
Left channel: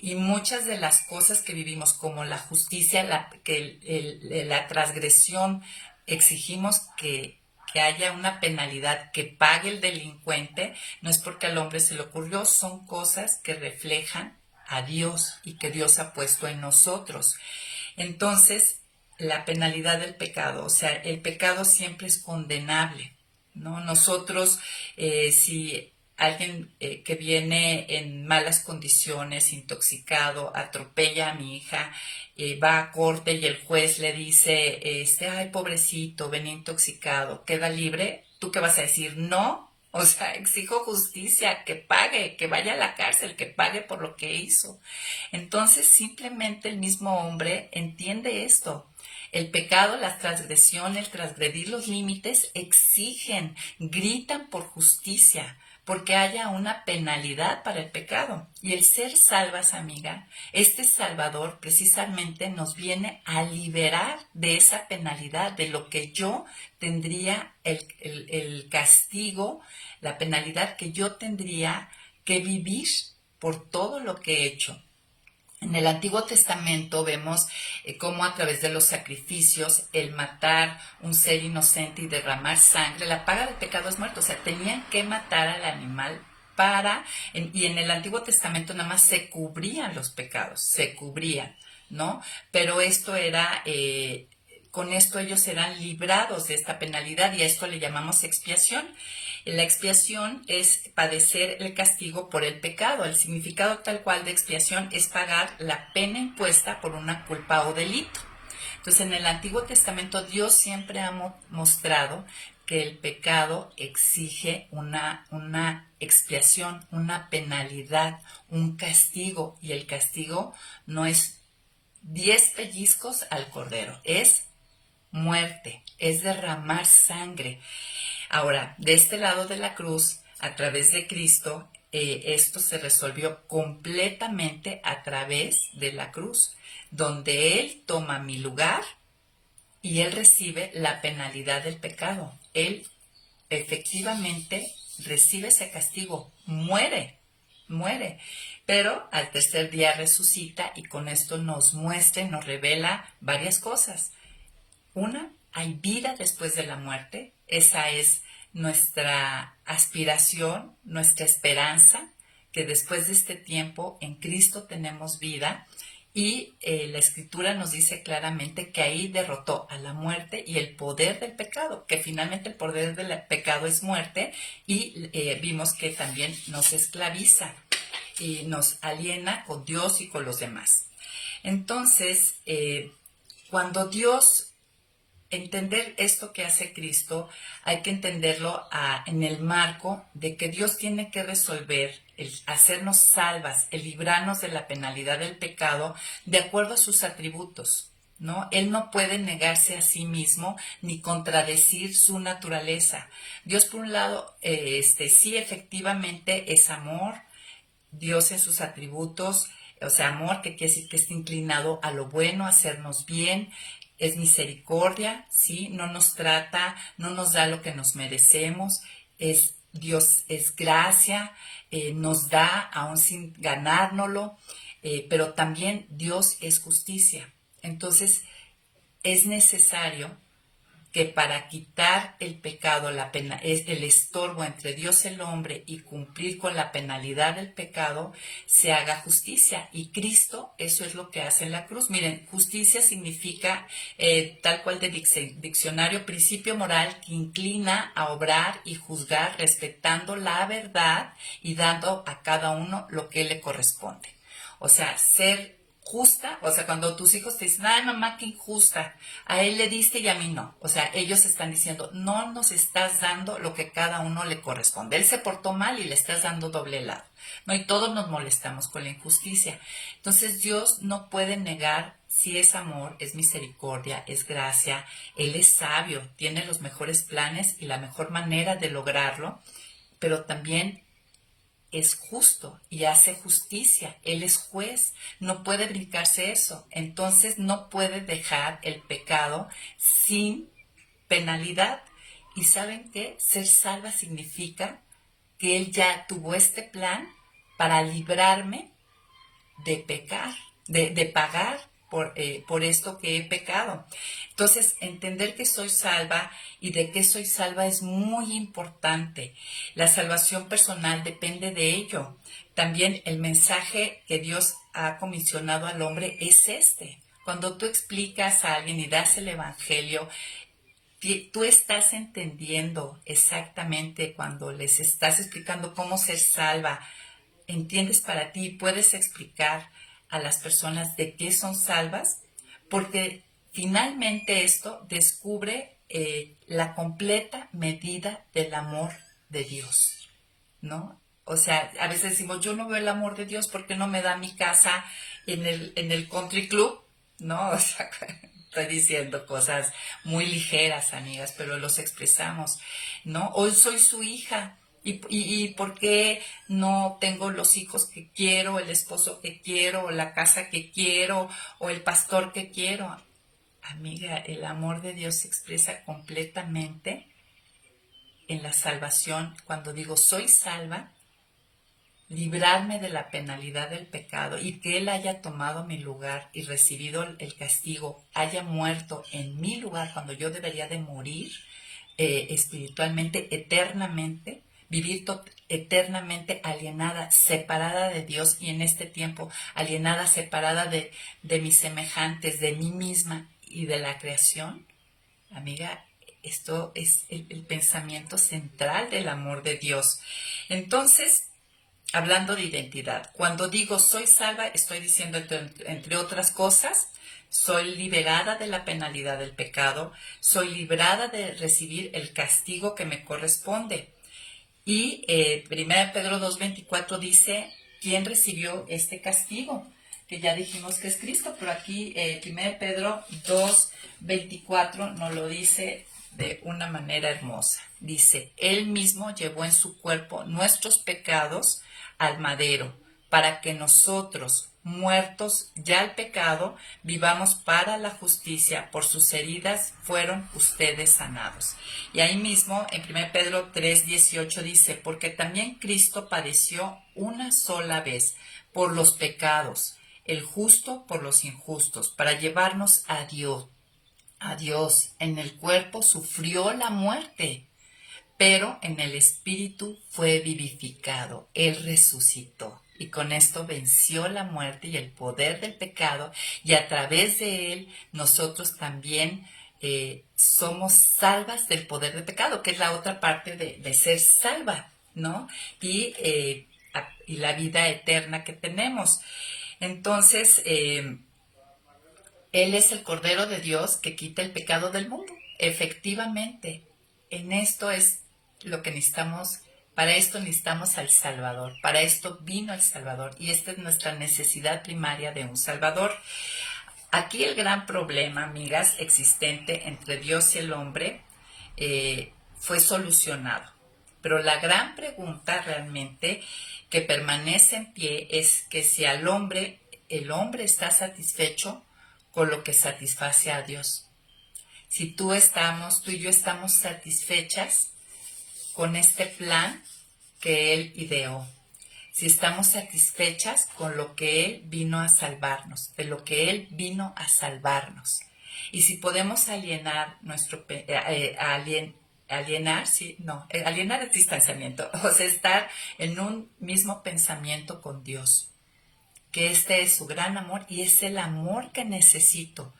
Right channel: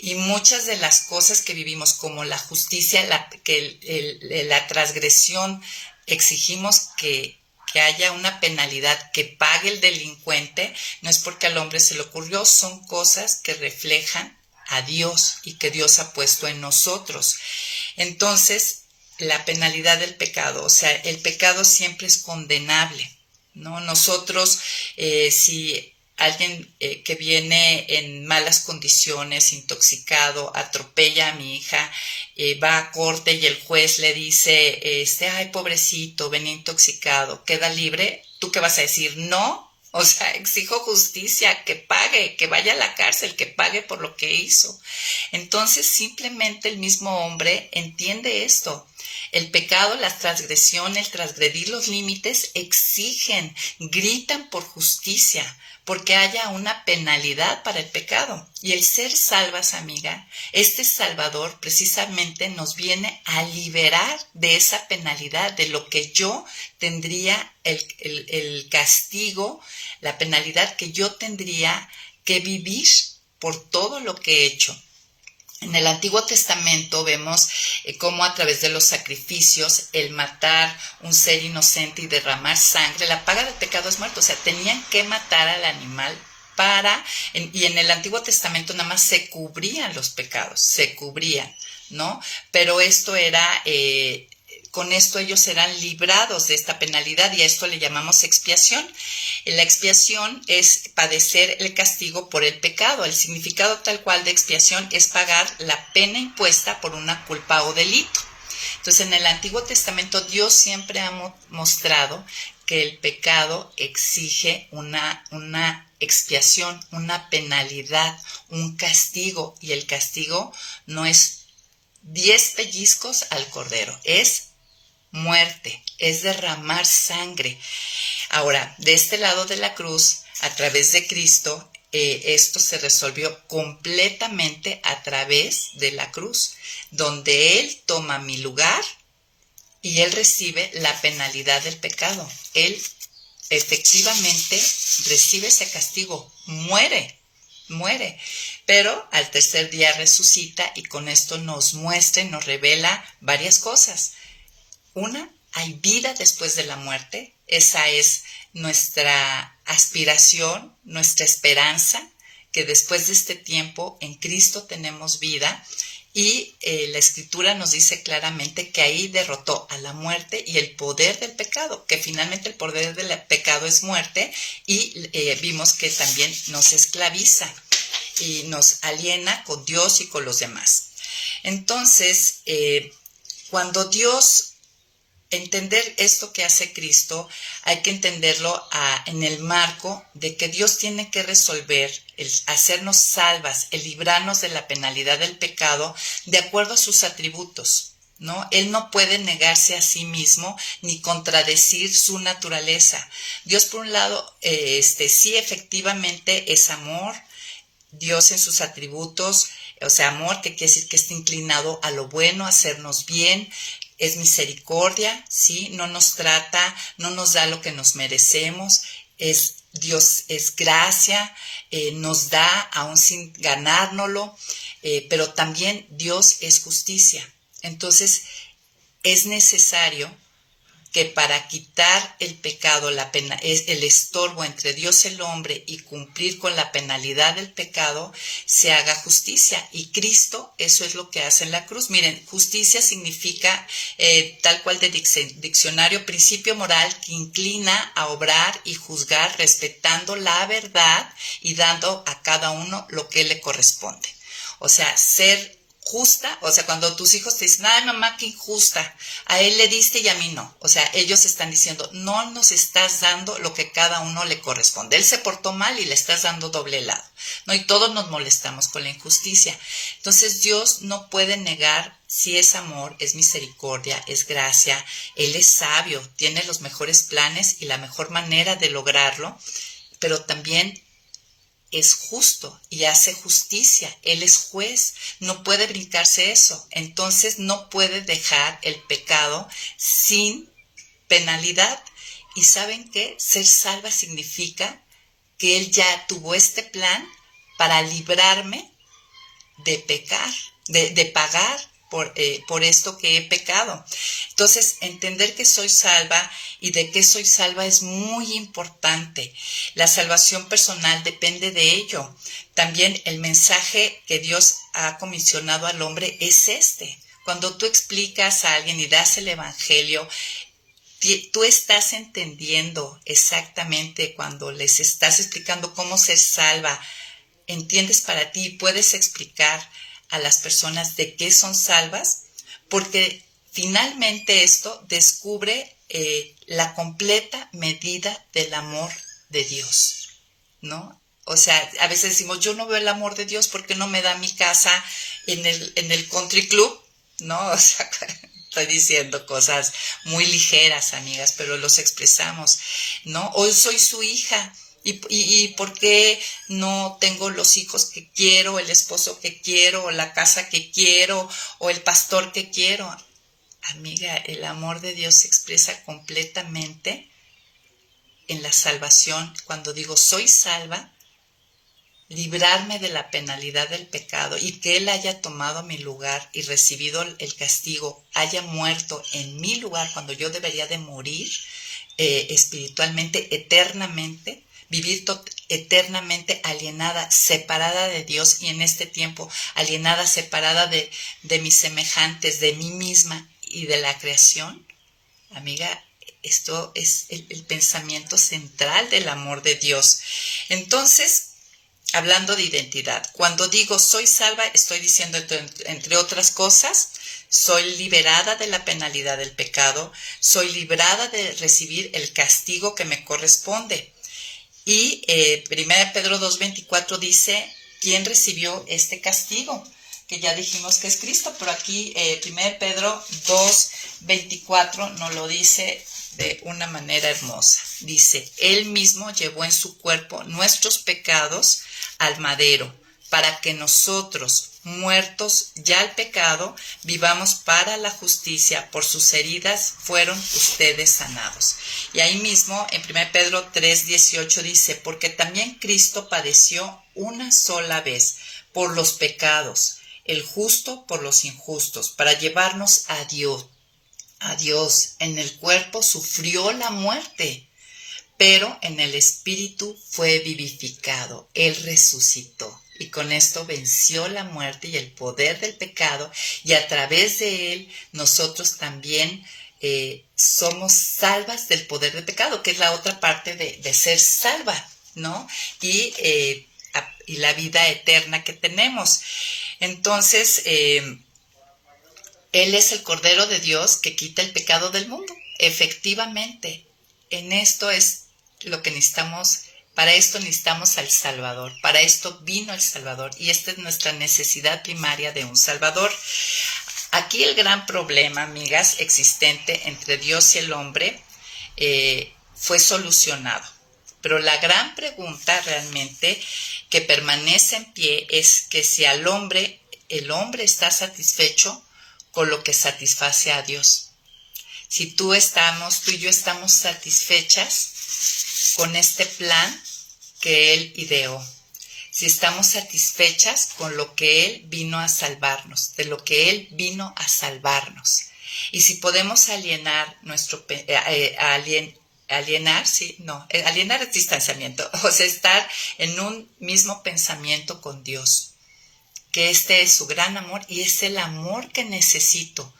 Y muchas de las cosas que vivimos, como la justicia, la transgresión, exigimos que haya una penalidad, que pague el delincuente, no es porque al hombre se le ocurrió, son cosas que reflejan a Dios y que Dios ha puesto en nosotros. Entonces, la penalidad del pecado, o sea, el pecado siempre es condenable, ¿no? Nosotros, si alguien que viene en malas condiciones, intoxicado, atropella a mi hija, va a corte y el juez le dice, ay, pobrecito, venía intoxicado, queda libre, ¿tú qué vas a decir? No, o sea, exijo justicia, que pague, que vaya a la cárcel, que pague por lo que hizo. Entonces, simplemente el mismo hombre entiende esto. El pecado, la transgresión, el transgredir los límites exigen, gritan por justicia, porque haya una penalidad para el pecado. Y el ser salvas, amiga, este Salvador precisamente nos viene a liberar de esa penalidad, de lo que yo tendría, el castigo, la penalidad que yo tendría que vivir por todo lo que he hecho. En el Antiguo Testamento vemos cómo a través de los sacrificios, el matar un ser inocente y derramar sangre, la paga del pecado es muerte. O sea, tenían que matar al animal y en el Antiguo Testamento nada más se cubrían los pecados, se cubrían, ¿no? Pero esto era, con esto ellos eran librados de esta penalidad y a esto le llamamos expiación. La expiación es padecer el castigo por el pecado. El significado tal cual de expiación es pagar la pena impuesta por una culpa o delito. Entonces, en el Antiguo Testamento Dios siempre ha mostrado que el pecado exige una expiación, una penalidad, un castigo. Y el castigo no es 10 pellizcos al cordero, es muerte, es derramar sangre. Ahora, de este lado de la cruz, a través de Cristo, esto se resolvió completamente a través de la cruz, donde Él toma mi lugar y Él recibe la penalidad del pecado. Él efectivamente recibe ese castigo, muere, pero al tercer día resucita y con esto nos muestra y nos revela varias cosas. Una, hay vida después de la muerte. Esa es nuestra aspiración, nuestra esperanza, que después de este tiempo en Cristo tenemos vida. Y la Escritura nos dice claramente que ahí derrotó a la muerte y el poder del pecado, que finalmente el poder del pecado es muerte, y vimos que también nos esclaviza y nos aliena con Dios y con los demás. Entonces, cuando Dios entender esto que hace Cristo, hay que entenderlo en el marco de que Dios tiene que resolver, el hacernos salvas, el librarnos de la penalidad del pecado, de acuerdo a sus atributos, ¿no? Él no puede negarse a sí mismo ni contradecir su naturaleza. Dios, por un lado, sí, efectivamente es amor. Dios en sus atributos, o sea, amor, que quiere decir que está inclinado a lo bueno, a hacernos bien, es misericordia, ¿sí? No nos trata, no nos da lo que nos merecemos, Dios es gracia, nos da aún sin ganárnoslo, pero también Dios es justicia. Entonces, es necesario que para quitar el pecado, es el estorbo entre Dios y el hombre y cumplir con la penalidad del pecado, se haga justicia. Y Cristo, eso es lo que hace en la cruz. Miren, justicia significa, tal cual de diccionario, principio moral que inclina a obrar y juzgar respetando la verdad y dando a cada uno lo que le corresponde. O sea, ser justa, o sea, cuando tus hijos te dicen, ay mamá, qué injusta, a él le diste y a mí no. O sea, ellos están diciendo, no nos estás dando lo que cada uno le corresponde. Él se portó mal y le estás dando doble lado, ¿no? Y todos nos molestamos con la injusticia. Entonces Dios no puede negar si es amor, es misericordia, es gracia. Él es sabio, tiene los mejores planes y la mejor manera de lograrlo, pero también es justo y hace justicia. Él es juez, no puede brincarse eso. Entonces no puede dejar el pecado sin penalidad. ¿Y saben qué? Ser salva significa que Él ya tuvo este plan para librarme de pecar, de pagar por esto que he pecado. Entonces, entender que soy salva y de qué soy salva es muy importante. La salvación personal depende de ello. También el mensaje que Dios ha comisionado al hombre es este. Cuando tú explicas a alguien y das el evangelio, tú estás entendiendo exactamente cuando les estás explicando cómo ser salva. Entiendes para ti y puedes explicar a las personas de qué son salvas, porque finalmente esto descubre la completa medida del amor de Dios, ¿no? O sea, a veces decimos, yo no veo el amor de Dios porque no me da mi casa en el country club, ¿no? O sea, estoy diciendo cosas muy ligeras, amigas, pero los expresamos, ¿no? Hoy soy su hija. ¿Y por qué no tengo los hijos que quiero, el esposo que quiero, o la casa que quiero, o el pastor que quiero? Amiga, el amor de Dios se expresa completamente en la salvación. Cuando digo soy salva, librarme de la penalidad del pecado y que Él haya tomado mi lugar y recibido el castigo, haya muerto en mi lugar cuando yo debería de morir espiritualmente, eternamente, vivir eternamente alienada, separada de Dios y en este tiempo alienada, separada de mis semejantes, de mí misma y de la creación. Amiga, esto es el pensamiento central del amor de Dios. Entonces, hablando de identidad, cuando digo soy salva, estoy diciendo, entre otras cosas, soy liberada de la penalidad del pecado, soy librada de recibir el castigo que me corresponde. Y 1 Pedro 2:24 dice, ¿quién recibió este castigo? Que ya dijimos que es Cristo, pero aquí 1 Pedro 2:24 nos lo dice de una manera hermosa. Dice, Él mismo llevó en su cuerpo nuestros pecados al madero, para que nosotros, muertos ya al pecado, vivamos para la justicia. Por sus heridas fueron ustedes sanados. Y ahí mismo en 1 Pedro 3:18 dice, porque también Cristo padeció una sola vez por los pecados, el justo por los injustos, para llevarnos a Dios. En el cuerpo sufrió la muerte, pero en el espíritu fue vivificado. Él resucitó y con esto venció la muerte y el poder del pecado, y a través de él nosotros también somos salvas del poder del pecado, que es la otra parte de ser salva, ¿no? Y la vida eterna que tenemos. Entonces, Él es el Cordero de Dios que quita el pecado del mundo. Efectivamente, en esto es lo que necesitamos. Para esto necesitamos al Salvador. Para esto vino el Salvador. Y esta es nuestra necesidad primaria de un Salvador. Aquí el gran problema, amigas, existente entre Dios y el hombre fue solucionado. Pero la gran pregunta realmente que permanece en pie es que si el hombre está satisfecho con lo que satisface a Dios. Si tú y yo estamos satisfechas con este plan que Él ideó. Si estamos satisfechas con lo que Él vino a salvarnos, de lo que Él vino a salvarnos. Y si podemos alienar alienar es distanciamiento, o sea, estar en un mismo pensamiento con Dios, que este es su gran amor y es el amor que necesito.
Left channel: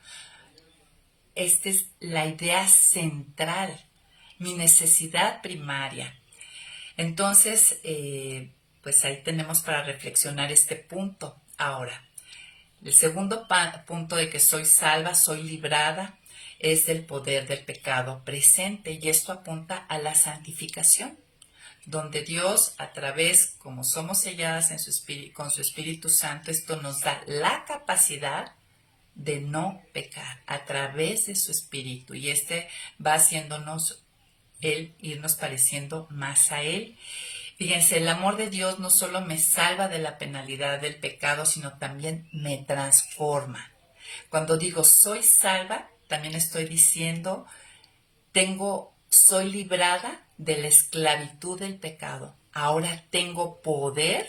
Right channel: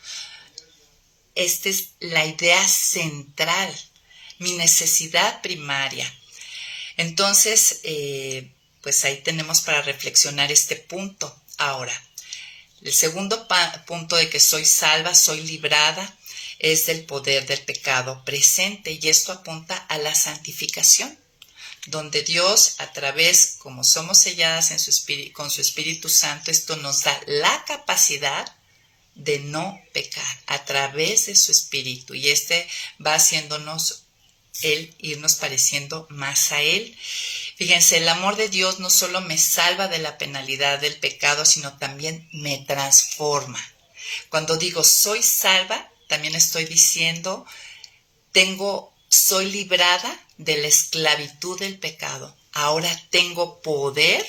Esta es la idea central, mi necesidad primaria. Entonces, pues ahí tenemos para reflexionar este punto. Ahora, el segundo punto de que soy salva, soy librada, es del poder del pecado presente, y esto apunta a la santificación, donde Dios, a través, como somos selladas con su Espíritu Santo, esto nos da la capacidad de no pecar a través de su Espíritu, y va haciéndonos irnos pareciendo más a Él. Fíjense, el amor de Dios no solo me salva de la penalidad del pecado, sino también me transforma. Cuando digo soy salva, también estoy diciendo soy librada de la esclavitud del pecado. Ahora tengo poder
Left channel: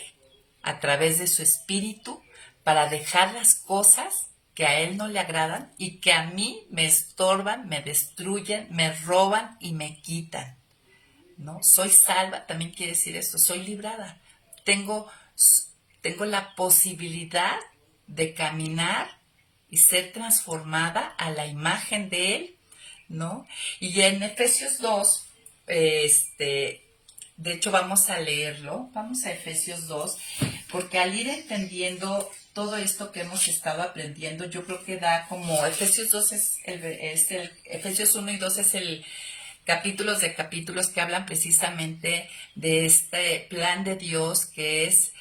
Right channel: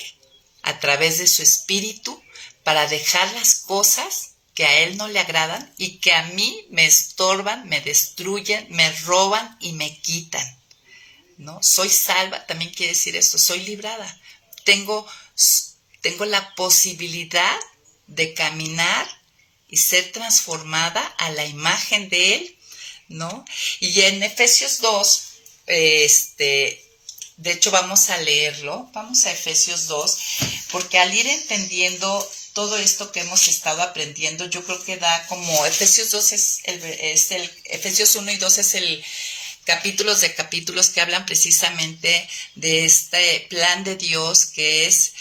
a través de su Espíritu para dejar las cosas que a Él no le agradan y que a mí me estorban, me destruyen, me roban y me quitan, ¿no? Soy salva, también quiere decir esto, soy librada. Tengo la posibilidad de caminar y ser transformada a la imagen de Él, ¿no? Y en Efesios 2, de hecho vamos a leerlo, vamos a Efesios 2, porque al ir entendiendo todo esto que hemos estado aprendiendo, yo creo que da como Efesios 2 Efesios 1 y 2 es el capítulos de capítulos que hablan precisamente de este plan de Dios que es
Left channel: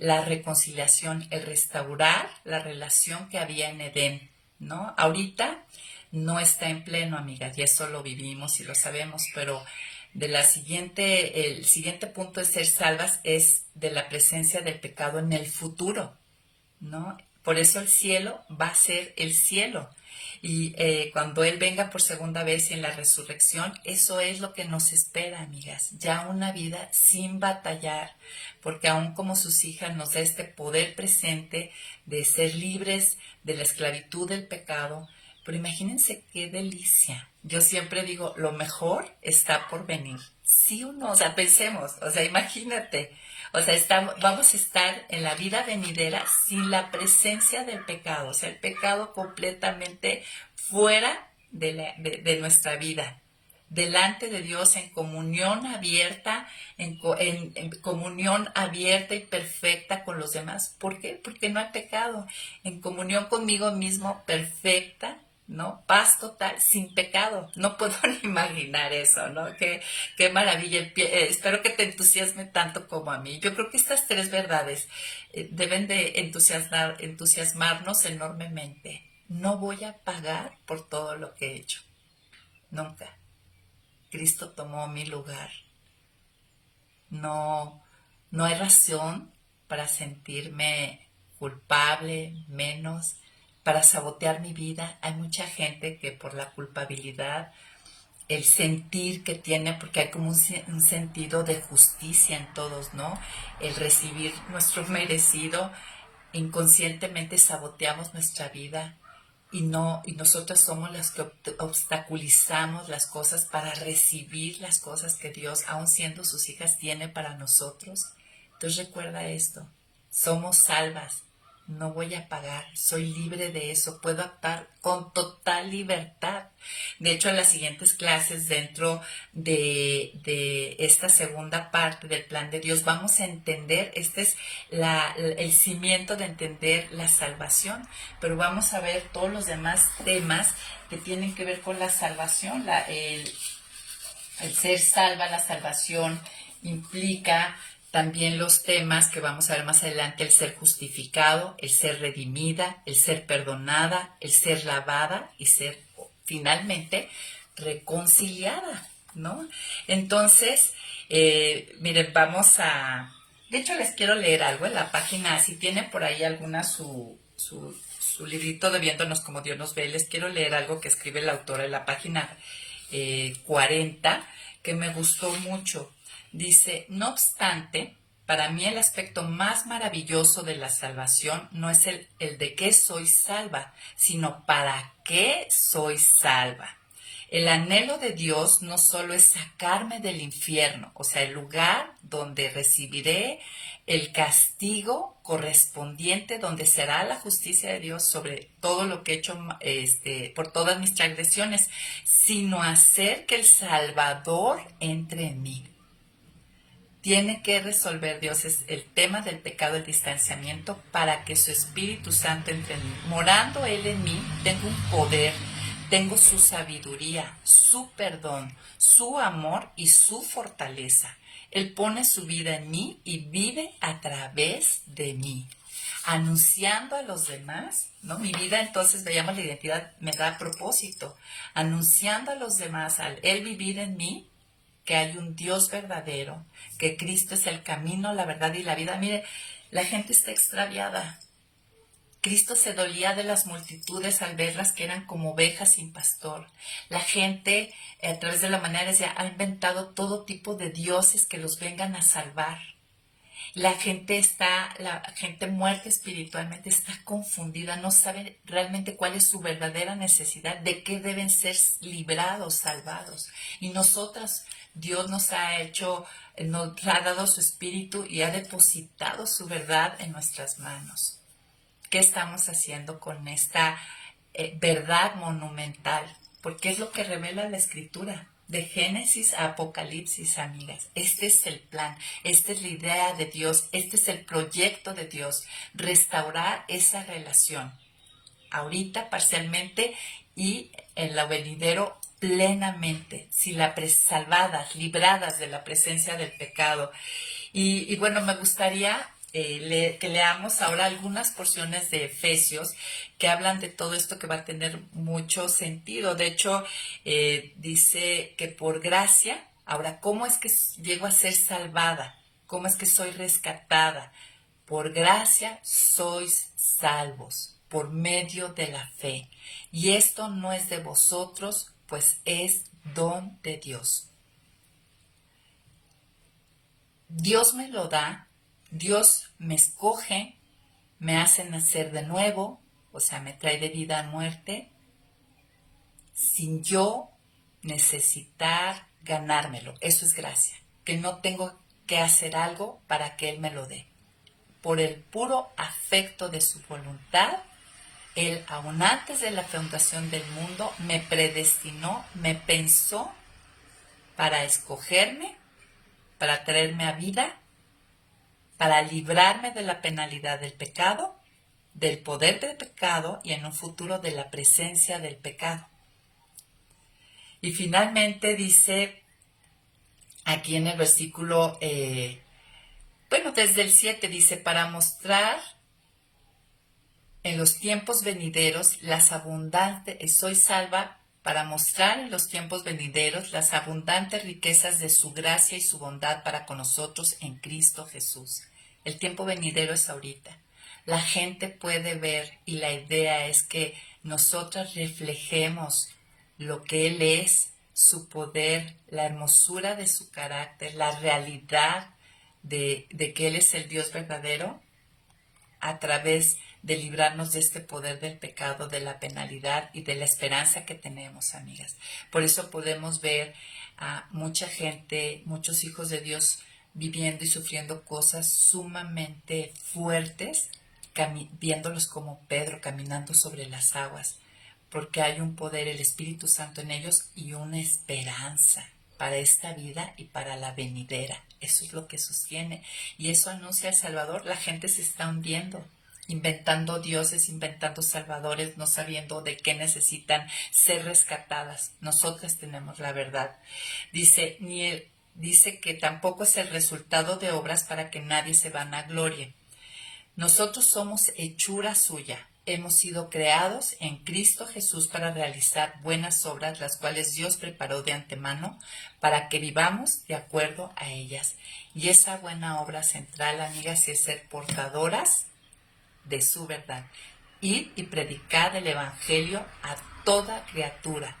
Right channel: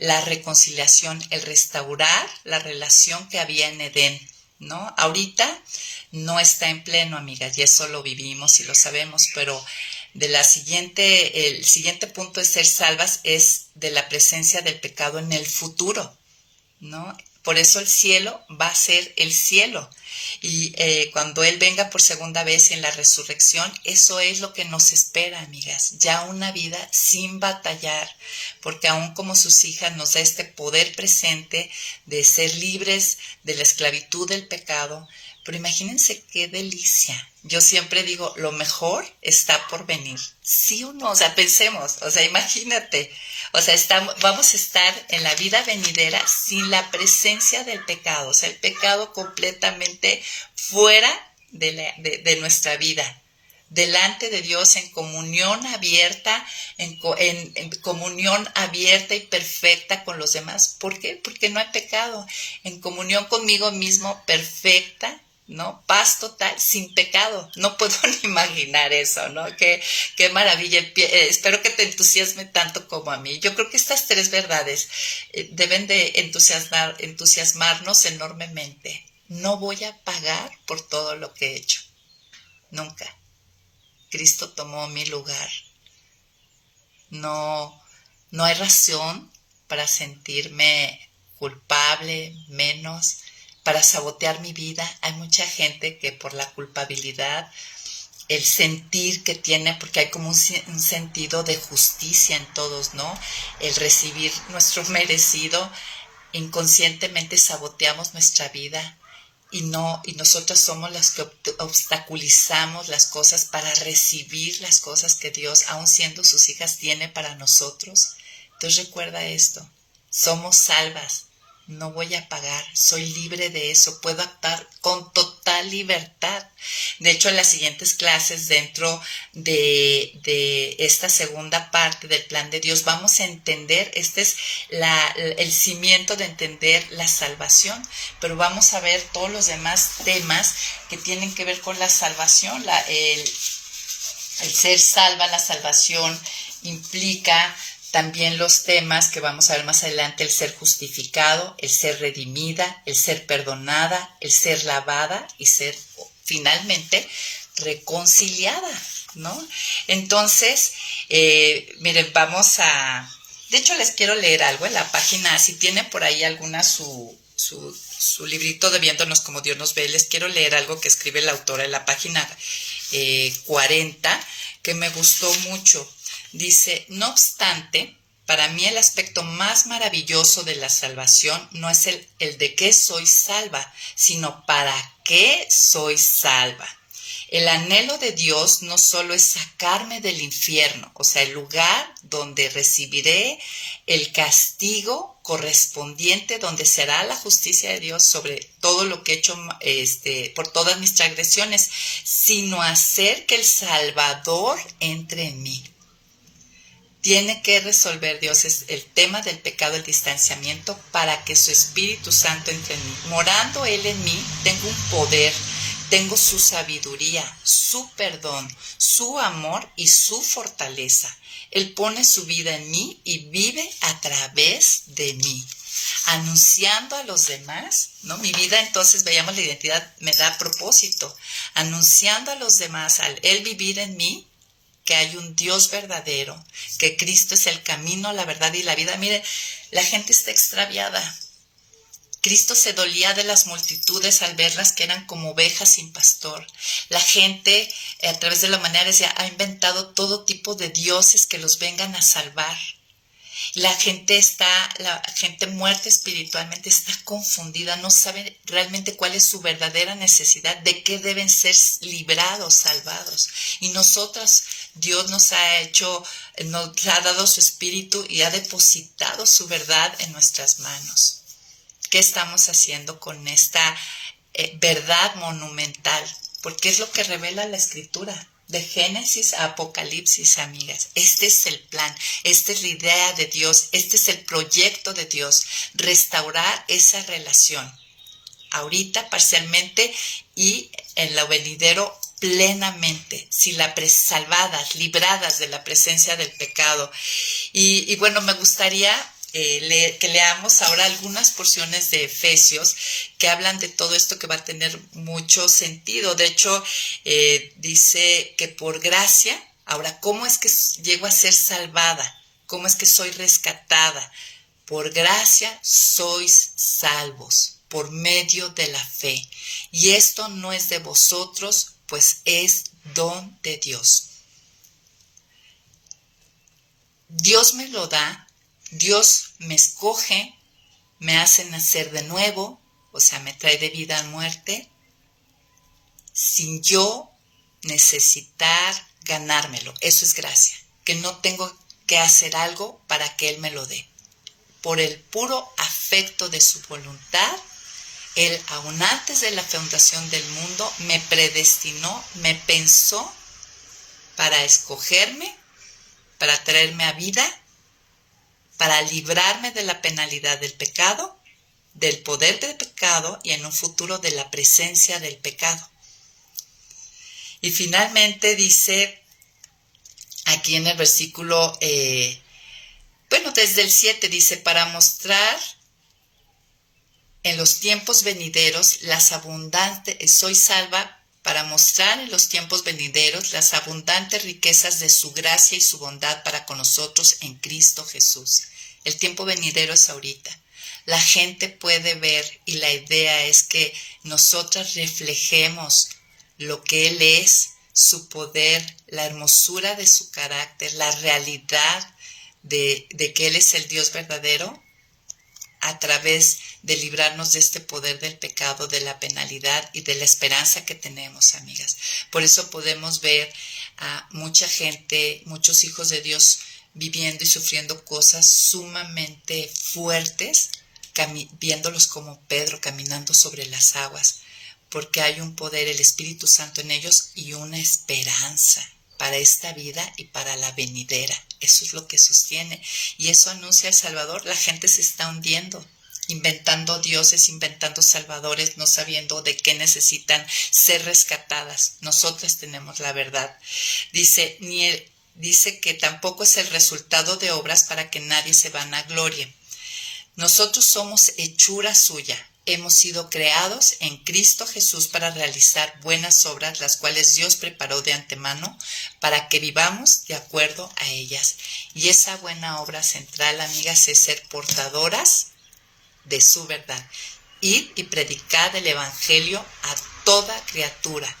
la reconciliación, el restaurar la relación que había en Edén, ¿no? Ahorita no está en pleno, amigas, y eso lo vivimos y lo sabemos, pero el siguiente punto de ser salvas es de la presencia del pecado en el futuro, ¿no? Por eso el cielo va a ser el cielo. Y cuando Él venga por segunda vez en la resurrección, eso es lo que nos espera, amigas. Ya una vida sin batallar, porque aún como sus hijas nos da este poder presente de ser libres de la esclavitud del pecado. Pero imagínense qué delicia. Yo siempre digo, lo mejor está por venir. ¿Sí o no? O sea, pensemos, o sea, imagínate. O sea, vamos a estar en la vida venidera sin la presencia del pecado. O sea, el pecado completamente fuera de nuestra vida. Delante de Dios en comunión abierta, en comunión abierta y perfecta con los demás. ¿Por qué? Porque no hay pecado. En comunión conmigo mismo perfecta, ¿no? Paz total, sin pecado. No puedo ni imaginar eso, ¿no? Qué maravilla. Espero que te entusiasme tanto como a mí. Yo creo que estas tres verdades deben de entusiasmarnos enormemente. No voy a pagar por todo lo que he hecho. Nunca. Cristo tomó mi lugar. No hay razón para sentirme culpable, menos, para sabotear mi vida. Hay mucha gente que por la culpabilidad, el sentir que tiene, porque hay como un sentido de justicia en todos, ¿no? El recibir nuestro merecido, inconscientemente saboteamos nuestra vida. Y nosotros somos las que obstaculizamos las cosas para recibir las cosas que Dios, aun siendo sus hijas, tiene para nosotros. Entonces recuerda esto, somos salvas, no voy a pagar, soy libre de eso, puedo actuar con total libertad. De hecho, en las siguientes clases, dentro de esta segunda parte del plan de Dios, vamos a entender, este es el cimiento de entender la salvación, pero vamos a ver todos los demás temas que tienen que ver con la salvación. El ser salva, la salvación implica también los temas que vamos a ver más adelante: el ser justificado, el ser redimida, el ser perdonada, el ser lavada y ser finalmente reconciliada, ¿no? Entonces, miren, vamos a... De hecho, les quiero leer algo en la página, si tienen por ahí alguna su librito de Viéndonos como Dios nos ve, les quiero leer algo que escribe la autora en la página 40, que me gustó mucho. Dice: no obstante, para mí el aspecto más maravilloso de la salvación no es el de qué soy salva, sino para qué soy salva. El anhelo de Dios no solo es sacarme del infierno, o sea, el lugar donde recibiré el castigo correspondiente, donde será la justicia de Dios sobre todo lo que he hecho por todas mis transgresiones, sino hacer que el Salvador entre en mí. Tiene que resolver Dios el tema del pecado, el distanciamiento, para que su Espíritu Santo entre en mí. Morando Él en mí, tengo un poder, tengo su sabiduría, su perdón, su amor y su fortaleza. Él pone su vida en mí y vive a través de mí, anunciando a los demás, ¿no? Mi vida, entonces, veíamos la identidad, me da propósito, anunciando a los demás, al Él vivir en mí, que hay un Dios verdadero, que Cristo es el camino, la verdad y la vida. Mire, la gente está extraviada. Cristo se dolía de las multitudes al verlas que eran como ovejas sin pastor. La gente, a través de la humanidad, ha inventado todo tipo de dioses que los vengan a salvar. La gente muerta espiritualmente está confundida, no sabe realmente cuál es su verdadera necesidad, de qué deben ser librados, salvados. Y nosotras, Dios nos ha dado su espíritu y ha depositado su verdad en nuestras manos. ¿Qué estamos haciendo con esta verdad monumental? Porque es lo que revela la Escritura. De Génesis a Apocalipsis, amigas. Este es el plan, esta es la idea de Dios, este es el proyecto de Dios, restaurar esa relación, ahorita parcialmente y en lo venidero plenamente, salvadas, libradas de la presencia del pecado. Y bueno, me gustaría que leamos ahora algunas porciones de Efesios que hablan de todo esto, que va a tener mucho sentido. De hecho, dice que por gracia, ahora, ¿cómo es que llego a ser salvada? ¿Cómo es que soy rescatada? Por gracia sois salvos, por medio de la fe. Y esto no es de vosotros, pues es don de Dios. Dios me lo da. Dios me escoge, me hace nacer de nuevo, o sea, me trae de vida a muerte, sin yo necesitar ganármelo. Eso es gracia, que no tengo que hacer algo para que Él me lo dé. Por el puro afecto de su voluntad, Él, aún antes de la fundación del mundo, me predestinó, me pensó para escogerme, para traerme a vida, para librarme de la penalidad del pecado, del poder del pecado y en un futuro de la presencia del pecado. Y finalmente dice aquí en el versículo, desde el 7 dice: para mostrar en los tiempos venideros las abundantes, soy salva, para mostrar en los tiempos venideros las abundantes riquezas de su gracia y su bondad para con nosotros en Cristo Jesús. El tiempo venidero es ahorita. La gente puede ver, y la idea es que nosotras reflejemos lo que Él es, su poder, la hermosura de su carácter, la realidad de que Él es el Dios verdadero, a través de librarnos de este poder del pecado, de la penalidad y de la esperanza que tenemos, amigas. Por eso podemos ver a mucha gente, muchos hijos de Dios viviendo y sufriendo cosas sumamente fuertes, viéndolos como Pedro caminando sobre las aguas, porque hay un poder, el Espíritu Santo en ellos y una esperanza para esta vida y para la venidera. Eso es lo que sostiene y eso anuncia el Salvador. La gente se está hundiendo, inventando dioses, inventando salvadores, no sabiendo de qué necesitan ser rescatadas. Nosotras tenemos la verdad. Dice que tampoco es el resultado de obras para que nadie se vanaglorie. Nosotros somos hechura suya. Hemos sido creados en Cristo Jesús para realizar buenas obras, las cuales Dios preparó de antemano para que vivamos de acuerdo a ellas. Y esa buena obra central, amigas, es ser portadoras de su verdad. Id y predicad el Evangelio a toda criatura,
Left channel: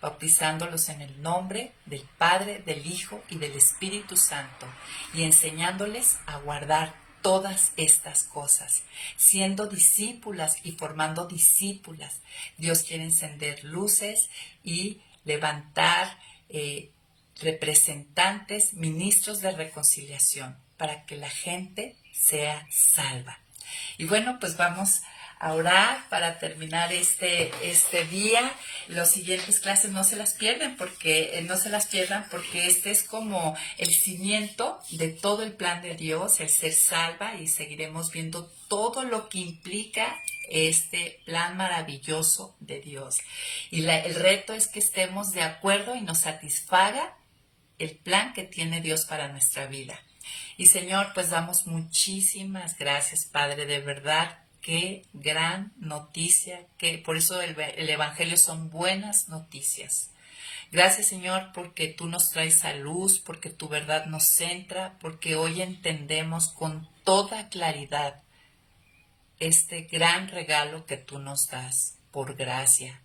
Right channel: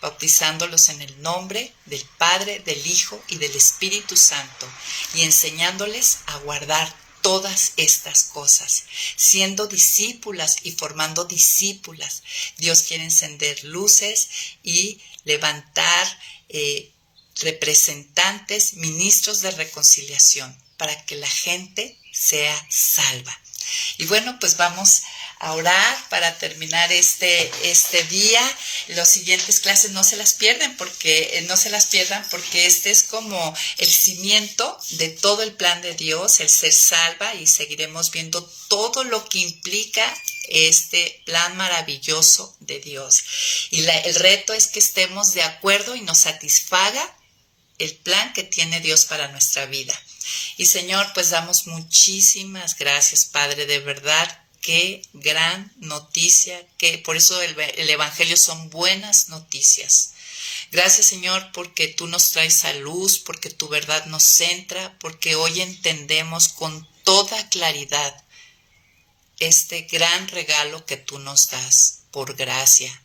bautizándolos en el nombre del Padre, del Hijo y del Espíritu Santo, y enseñándoles a guardar todas estas cosas, siendo discípulas y formando discípulas. Dios quiere encender luces y levantar representantes, ministros de reconciliación, para que la gente sea salva. Y bueno, pues vamos a orar para terminar este día. Las siguientes clases no se las pierdan porque este es como el cimiento de todo el plan de Dios, el ser salva, y seguiremos viendo todo lo que implica este plan maravilloso de Dios. Y el reto es que estemos de acuerdo y nos satisfaga el plan que tiene Dios para nuestra vida. Y Señor, pues damos muchísimas gracias, Padre, de verdad. Qué gran noticia, que por eso el Evangelio son buenas noticias. Gracias, Señor, porque tú nos traes a luz, porque tu verdad nos centra, porque hoy entendemos con toda claridad este gran regalo que tú nos das por gracia,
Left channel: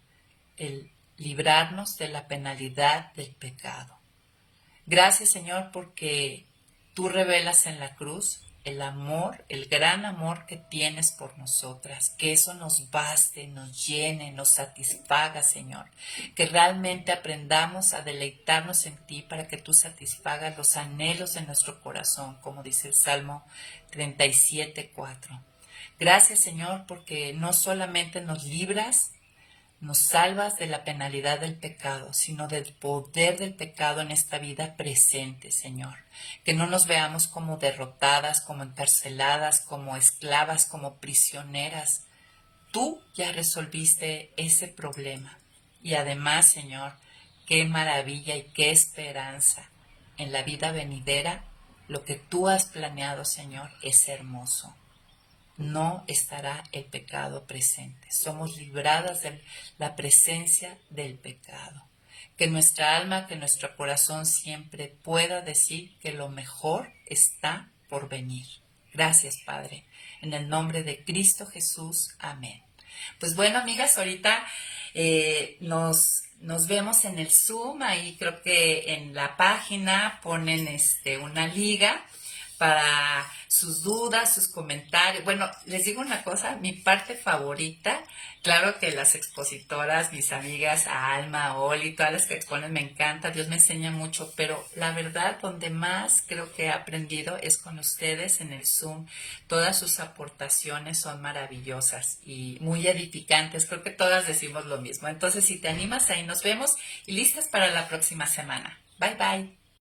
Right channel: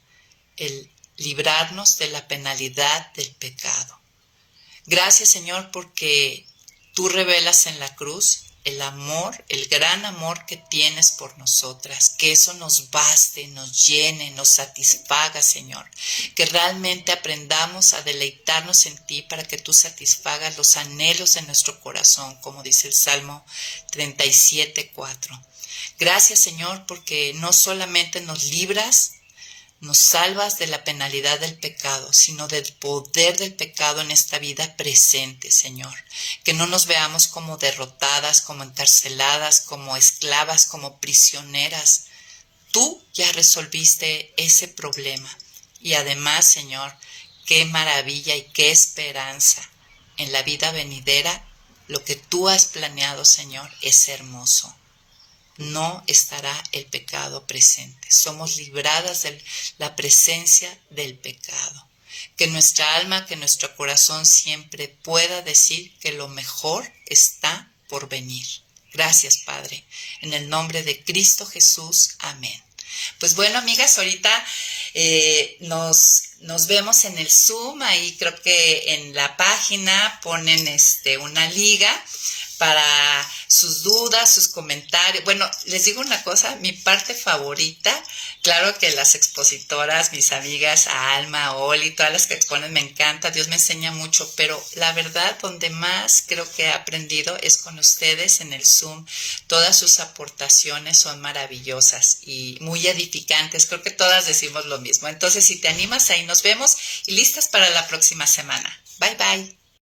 el librarnos de la penalidad del pecado. Gracias, Señor, porque tú revelas en la cruz el amor, el gran amor que tienes por nosotras, que eso nos baste, nos llene, nos satisfaga, Señor, que realmente aprendamos a deleitarnos en ti para que tú satisfagas los anhelos de nuestro corazón, como dice el Salmo 37:4. Gracias, Señor, porque no solamente nos libras, nos salvas de la penalidad del pecado, sino del poder del pecado en esta vida presente, Señor. Que no nos veamos como derrotadas, como encarceladas, como esclavas, como prisioneras. Tú ya resolviste ese problema. Y además, Señor, qué maravilla y qué esperanza. En la vida venidera, lo que tú has planeado, Señor, es hermoso. No estará el pecado presente. Somos libradas de la presencia del pecado. Que nuestra alma, que nuestro corazón siempre pueda decir que lo mejor está por venir. Gracias, Padre. En el nombre de Cristo Jesús. Amén. Pues bueno, amigas, ahorita nos vemos en el Zoom. Ahí creo que en la página ponen una liga para sus dudas, sus comentarios. Bueno, les digo una cosa, mi parte favorita, claro que las expositoras, mis amigas, Alma, Oli, todas las que exponen me encanta, Dios me enseña mucho, pero la verdad donde más creo que he aprendido es con ustedes en el Zoom. Todas sus aportaciones son maravillosas y muy edificantes, creo que todas decimos lo mismo. Entonces, si te animas, ahí nos vemos y listas para la próxima semana. Bye, bye.